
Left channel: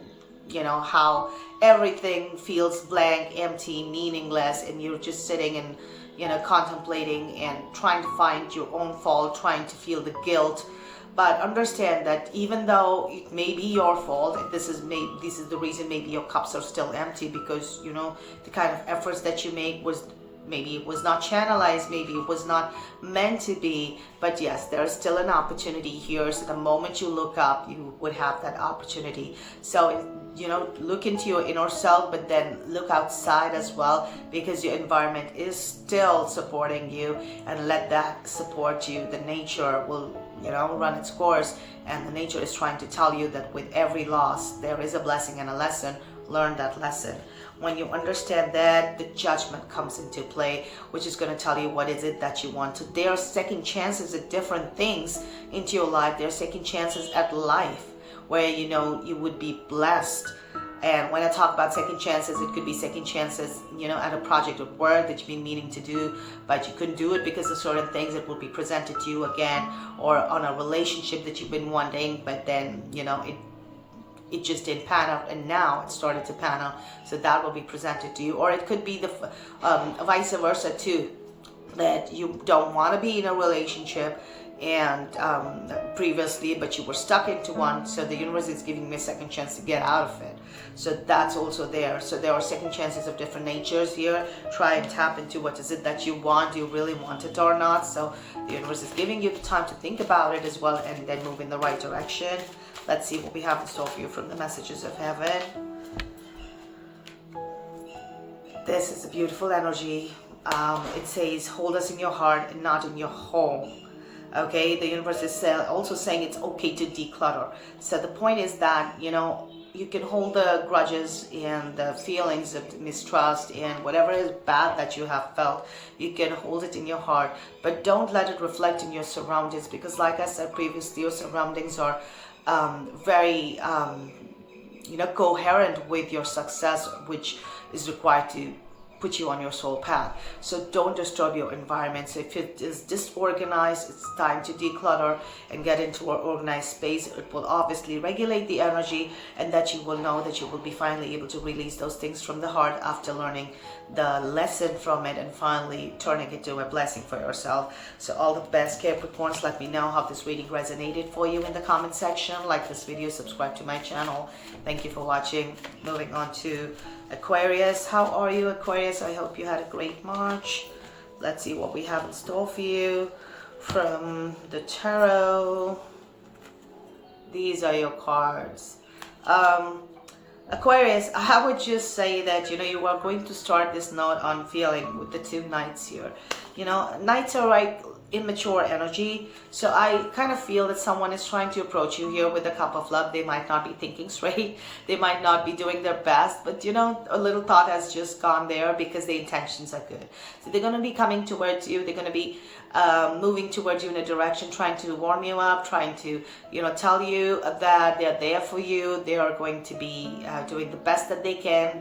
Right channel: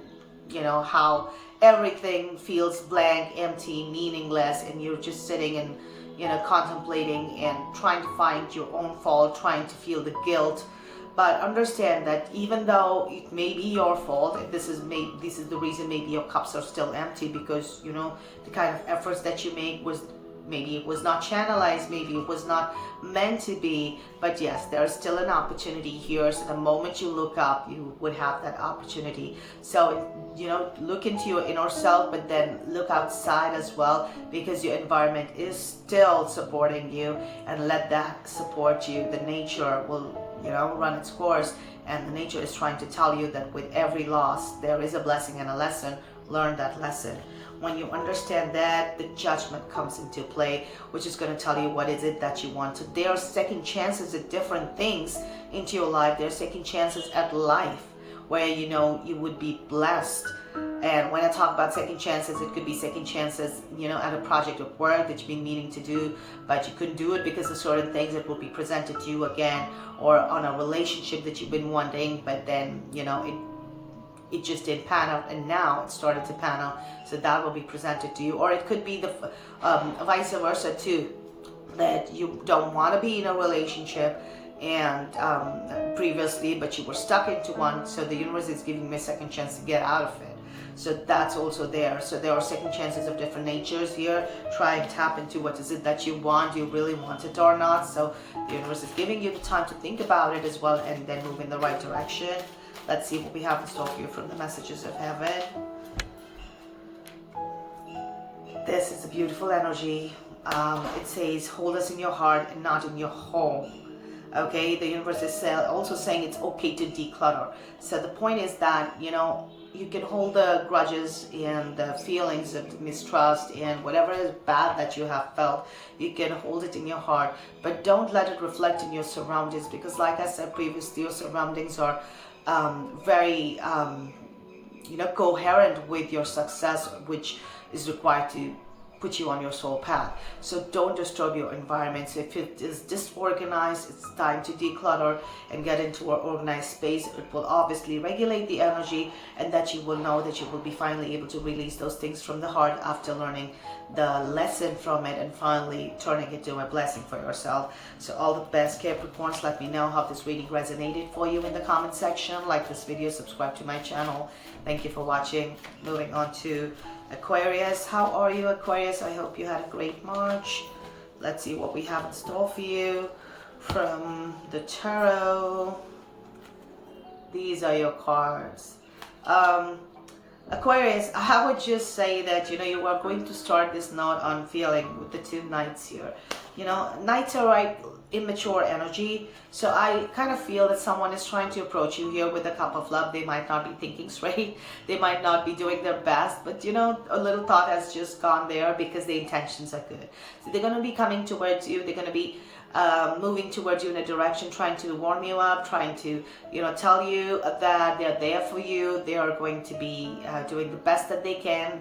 you know how everything feels blank, empty, meaningless, and you're just sitting and, you know, contemplating and trying to find your own fault, trying to feel the guilt. But understand that even though it may be your fault, this is the reason maybe your cups are still empty, because, you know, the kind of efforts that you make was, maybe it was not channelized, maybe it was not meant to be. But yes, there is still an opportunity here. So the moment you look up, you would have that opportunity. So, you know, look into your inner self, but then look outside as well, because your environment is still supporting you, and let that support you. The nature will, you know, run its course, and the nature is trying to tell you that with every loss, there is a blessing and a lesson. Learn that lesson. When you understand that, the judgment comes into play, which is going to tell you what is it that you want to. There are second chances at different things into your life. There are second chances at life where, you know, you would be blessed. And when I talk about second chances, it could be second chances, you know, at a project of work that you've been meaning to do, but you couldn't do it because of certain things that will be presented to you again, or on a relationship that you've been wanting, but then, you know, it just didn't pan out, and now it started to pan out. So that will be presented to you. Or it could be the vice versa too, that you don't want to be in a relationship, and previously, but you were stuck into one. So the universe is giving me a second chance to get out of it. So that's also there. So there are second chances of different natures here. Try and tap into what is it that you want. Do you really want it or not? So the universe is giving you the time to think about it as well, and then move in the right direction. Let's see what we have in store for you from the messages of heaven. This is a beautiful energy. It says, hold us in your heart and not in your home. Okay, the universe is also saying it's okay to declutter. So the point is that, you know, you can hold the grudges and the feelings of mistrust and whatever is bad that you have felt, you can hold it in your heart, but don't let it reflect in your surroundings, because like I said previously, your surroundings are very you know, coherent with your success, which is required to put you on your soul path. So don't disturb your environment. So if it is disorganized, it's time to declutter and get into an organized space. It will obviously regulate the energy, and that you will know that you will be finally able to release those things from the heart after learning the lesson from it and finally turning it to a blessing for yourself. So all the best, Capricorns. Let me know how this reading resonated for you in the comment section. Like this video, subscribe to my channel. Thank you for watching. Moving on to Aquarius. How are you, Aquarius? I hope you had a great March. Let's see what we have in store for you from the tarot. These are your cards. Aquarius, I would just say that, you know, you are going to start this note on feeling with the two knights here. You know, knights are like immature energy, so I kind of feel that someone is trying to approach you here with a cup of love. They might not be thinking straight, they might not be doing their best, but you know, a little thought has just gone there because the intentions are good. So they're going to be coming towards you, they're going to be moving towards you in a direction, trying to warm you up, trying to, you know, tell you that they're there for you. They are going to be doing the best that they can.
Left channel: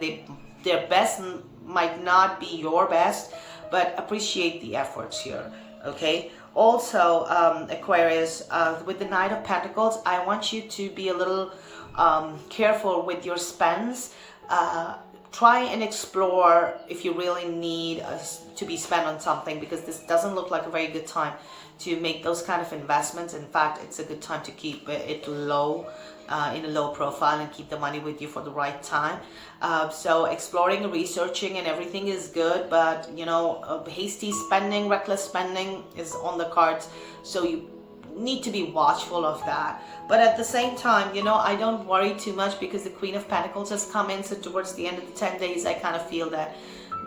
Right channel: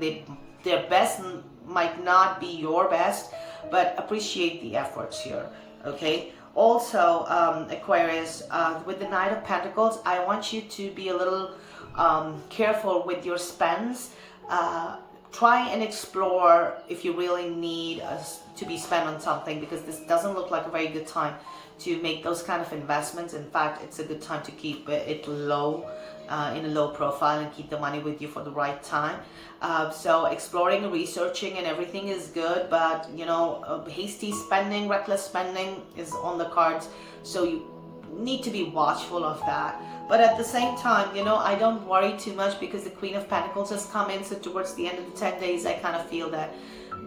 Their best might not be your best, but appreciate the efforts here. Okay, also Aquarius, with the Knight of Pentacles, I want you to be a little careful with your spends. Try and explore if you really need to be spent on something, because this doesn't look like a very good time to make those kind of investments. In fact, it's a good time to keep it low, in a low profile, and keep the money with you for the right time. So exploring and researching and everything is good, but you know, hasty spending, reckless spending is on the cards, so you need to be watchful of that. But at the same time, you know, I don't worry too much, because the Queen of Pentacles has come in. So towards the end of the 10 days, I kind of feel that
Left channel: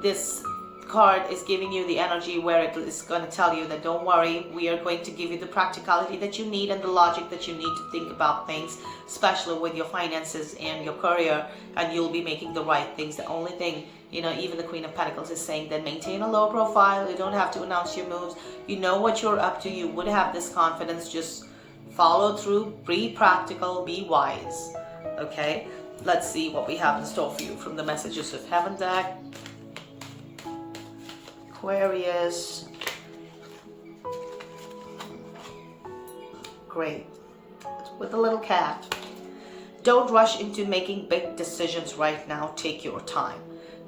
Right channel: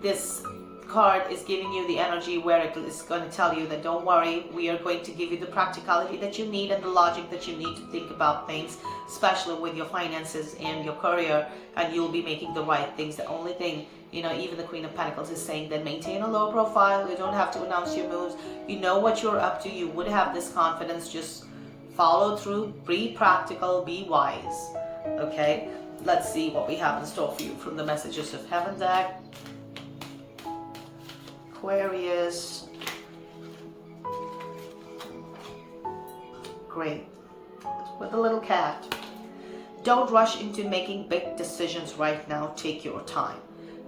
this card is giving you the energy where it is going to tell you that don't worry, we are going to give you the practicality that you need and the logic that you need to think about things, especially with your finances and your career, and you'll be making the right things. The only thing, you know, even the Queen of Pentacles is saying that maintain a low profile. You don't have to announce your moves. You know what you're up to. You would have this confidence. Just follow through, be practical, be wise. Okay, let's see what we have in store for you from the Messages of Heaven deck. Aquarius. Great. With a little cat. Don't rush into making big decisions right now. Take your time.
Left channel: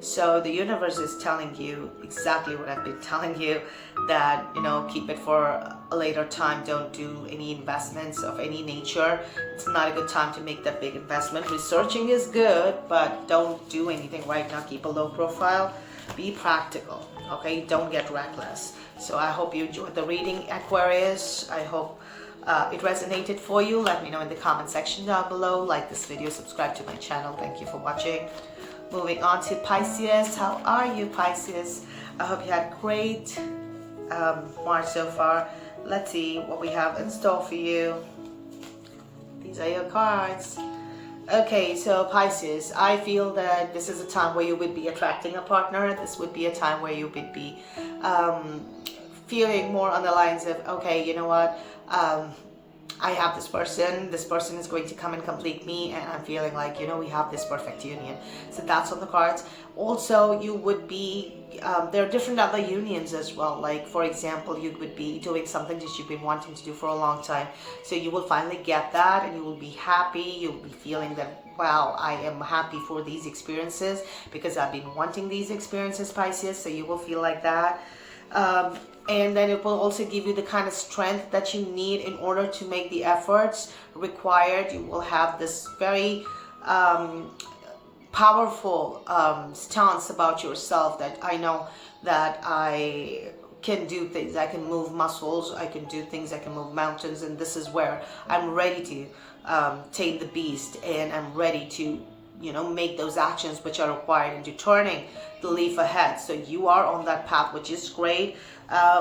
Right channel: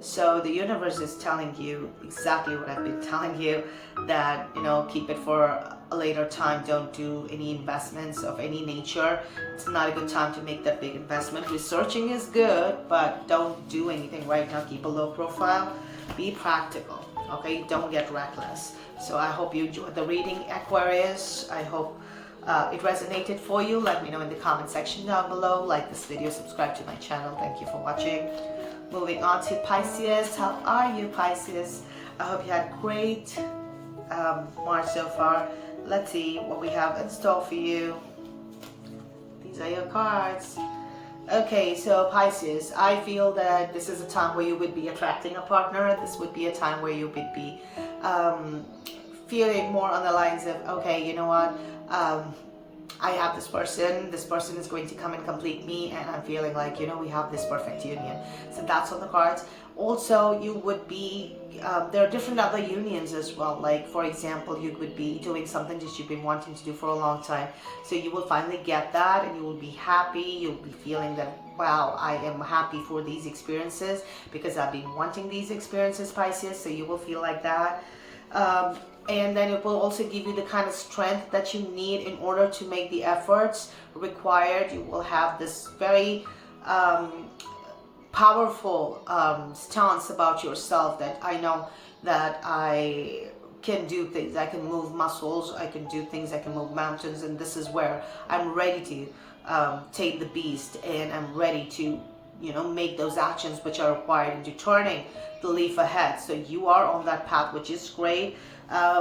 So the universe is telling you exactly what I've been telling you, that, you know, keep it for a later time. Don't do any investments of any nature. It's not a good time to make that big investment. Researching is good, but don't do anything right now. Keep a low profile. Be practical. Okay, don't get reckless. So I hope you enjoyed the reading, Aquarius. I hope it resonated for you. Let me know in the comment section down below. Like this video, subscribe to my channel. Thank you for watching. Moving on to Pisces. How are you, Pisces? I hope you had a great March so far. Let's see what we have in store for you. These are your cards. Okay, so Pisces, I feel that this is a time where you would be attracting a partner. This would be a time where you would be feeling more on the lines of, okay, you know what, I have this person is going to come and complete me, and I'm feeling like, you know, we have this perfect union. So that's on the cards. Also, you would be, there are different other unions as well. Like, for example, you would be doing something that you've been wanting to do for a long time. So you will finally get that, and you will be happy. You'll be feeling that, wow, I am happy for these experiences because I've been wanting these experiences, Pisces. So you will feel like that. And then it will also give you the kind of strength that you need in order to make the efforts required. You will have this very powerful stance about yourself, that I know that I can do things, I can move muscles, I can do things, I can move mountains, and this is where I'm ready to tame the beast, and I'm ready to, you know, make those actions which are required into turning the leaf ahead. So you are on that path, which is great.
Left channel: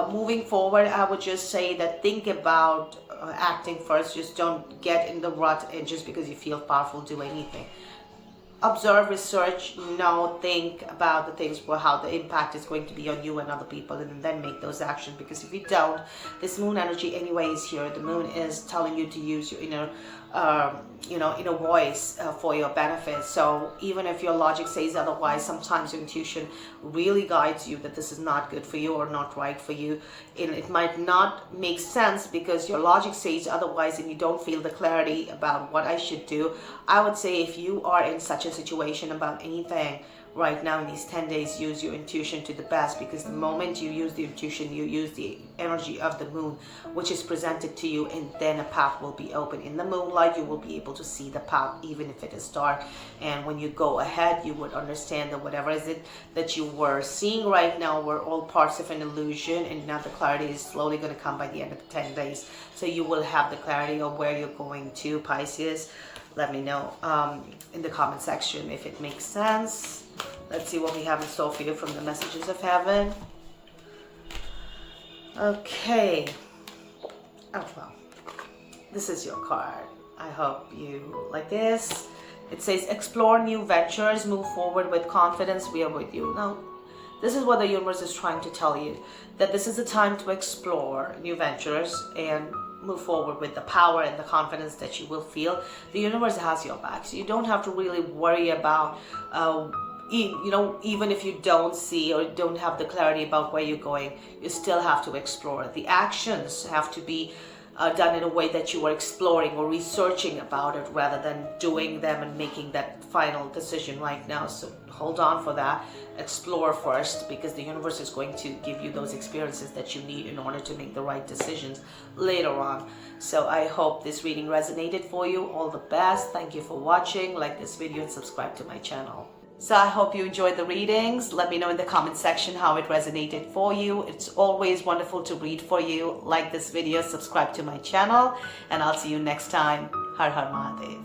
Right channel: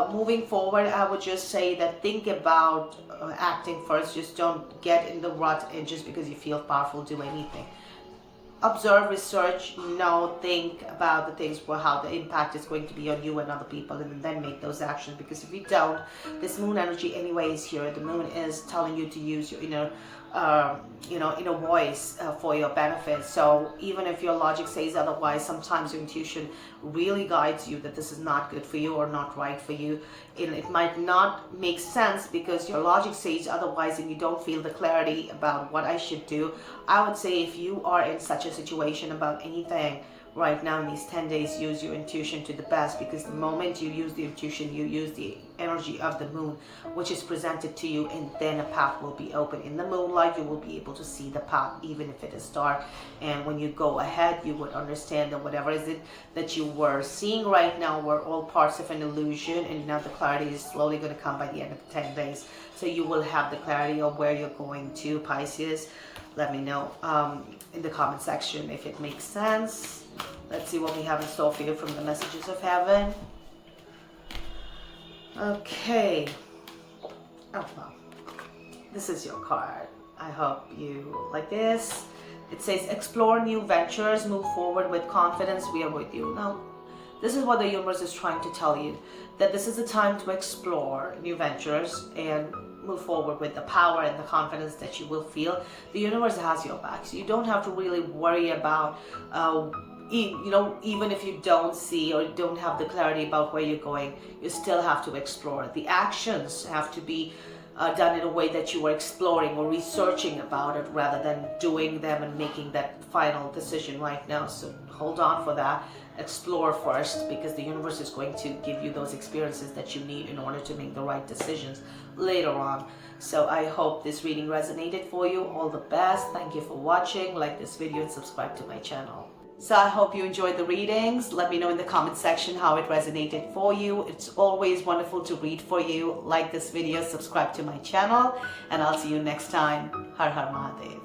Moving forward, I would just say that think about acting first. Just don't get in the rut and just because you feel powerful do anything. Observe, research, know, think about the things, how the impact is going to be on you and other people, and then make those actions. Because if you don't, this moon energy anyway is here. The moon is telling you to use your inner inner voice for your benefit. So even if your logic says otherwise, sometimes your intuition really guides you that this is not good for you or not right for you. And it might not make sense because your logic says otherwise and you don't feel the clarity about what I should do. I would say if you are in such a situation about anything right now in these 10 days, use your intuition to the best, because the moment you use the intuition, you use the energy of the moon, which is presented to you, and then a path will be open. In the moonlight, you will be able to see the path, even if it is dark. And when you go ahead, you would understand that whatever is it that you were seeing right now were all parts of an illusion, and now the clarity is slowly going to come by the end of the 10 days. So you will have the clarity of where you're going to, Pisces. Let me know in the comment section if it makes sense. Let's see what we have in store for you from the messages of heaven. Okay. Oh, well. This is your card. I hope you like this. It says, explore new ventures, move forward with confidence. We are with you. Now, this is what the universe is trying to tell you, that this is a time to explore new ventures and move forward with the power and the confidence that you will feel. The universe has your back, so you don't have to really worry about even if you don't see or don't have the clarity about where you're going, you still have to explore. The actions have to be done in a way that you are exploring or researching about it rather than doing them and making that final decision right now. So hold on for that. Explore first, because the universe is going to give you those experiences that you need in order to make the right decisions later on. So I hope this reading resonated for you. All the best. Thank you for watching. Like this video and subscribe to my channel. So I hope you enjoyed the readings. Let me know in the comment section how it resonated for you. It's always wonderful to read for you. Like this video, subscribe to my channel, and I'll see you next time. Har Har Mahadev.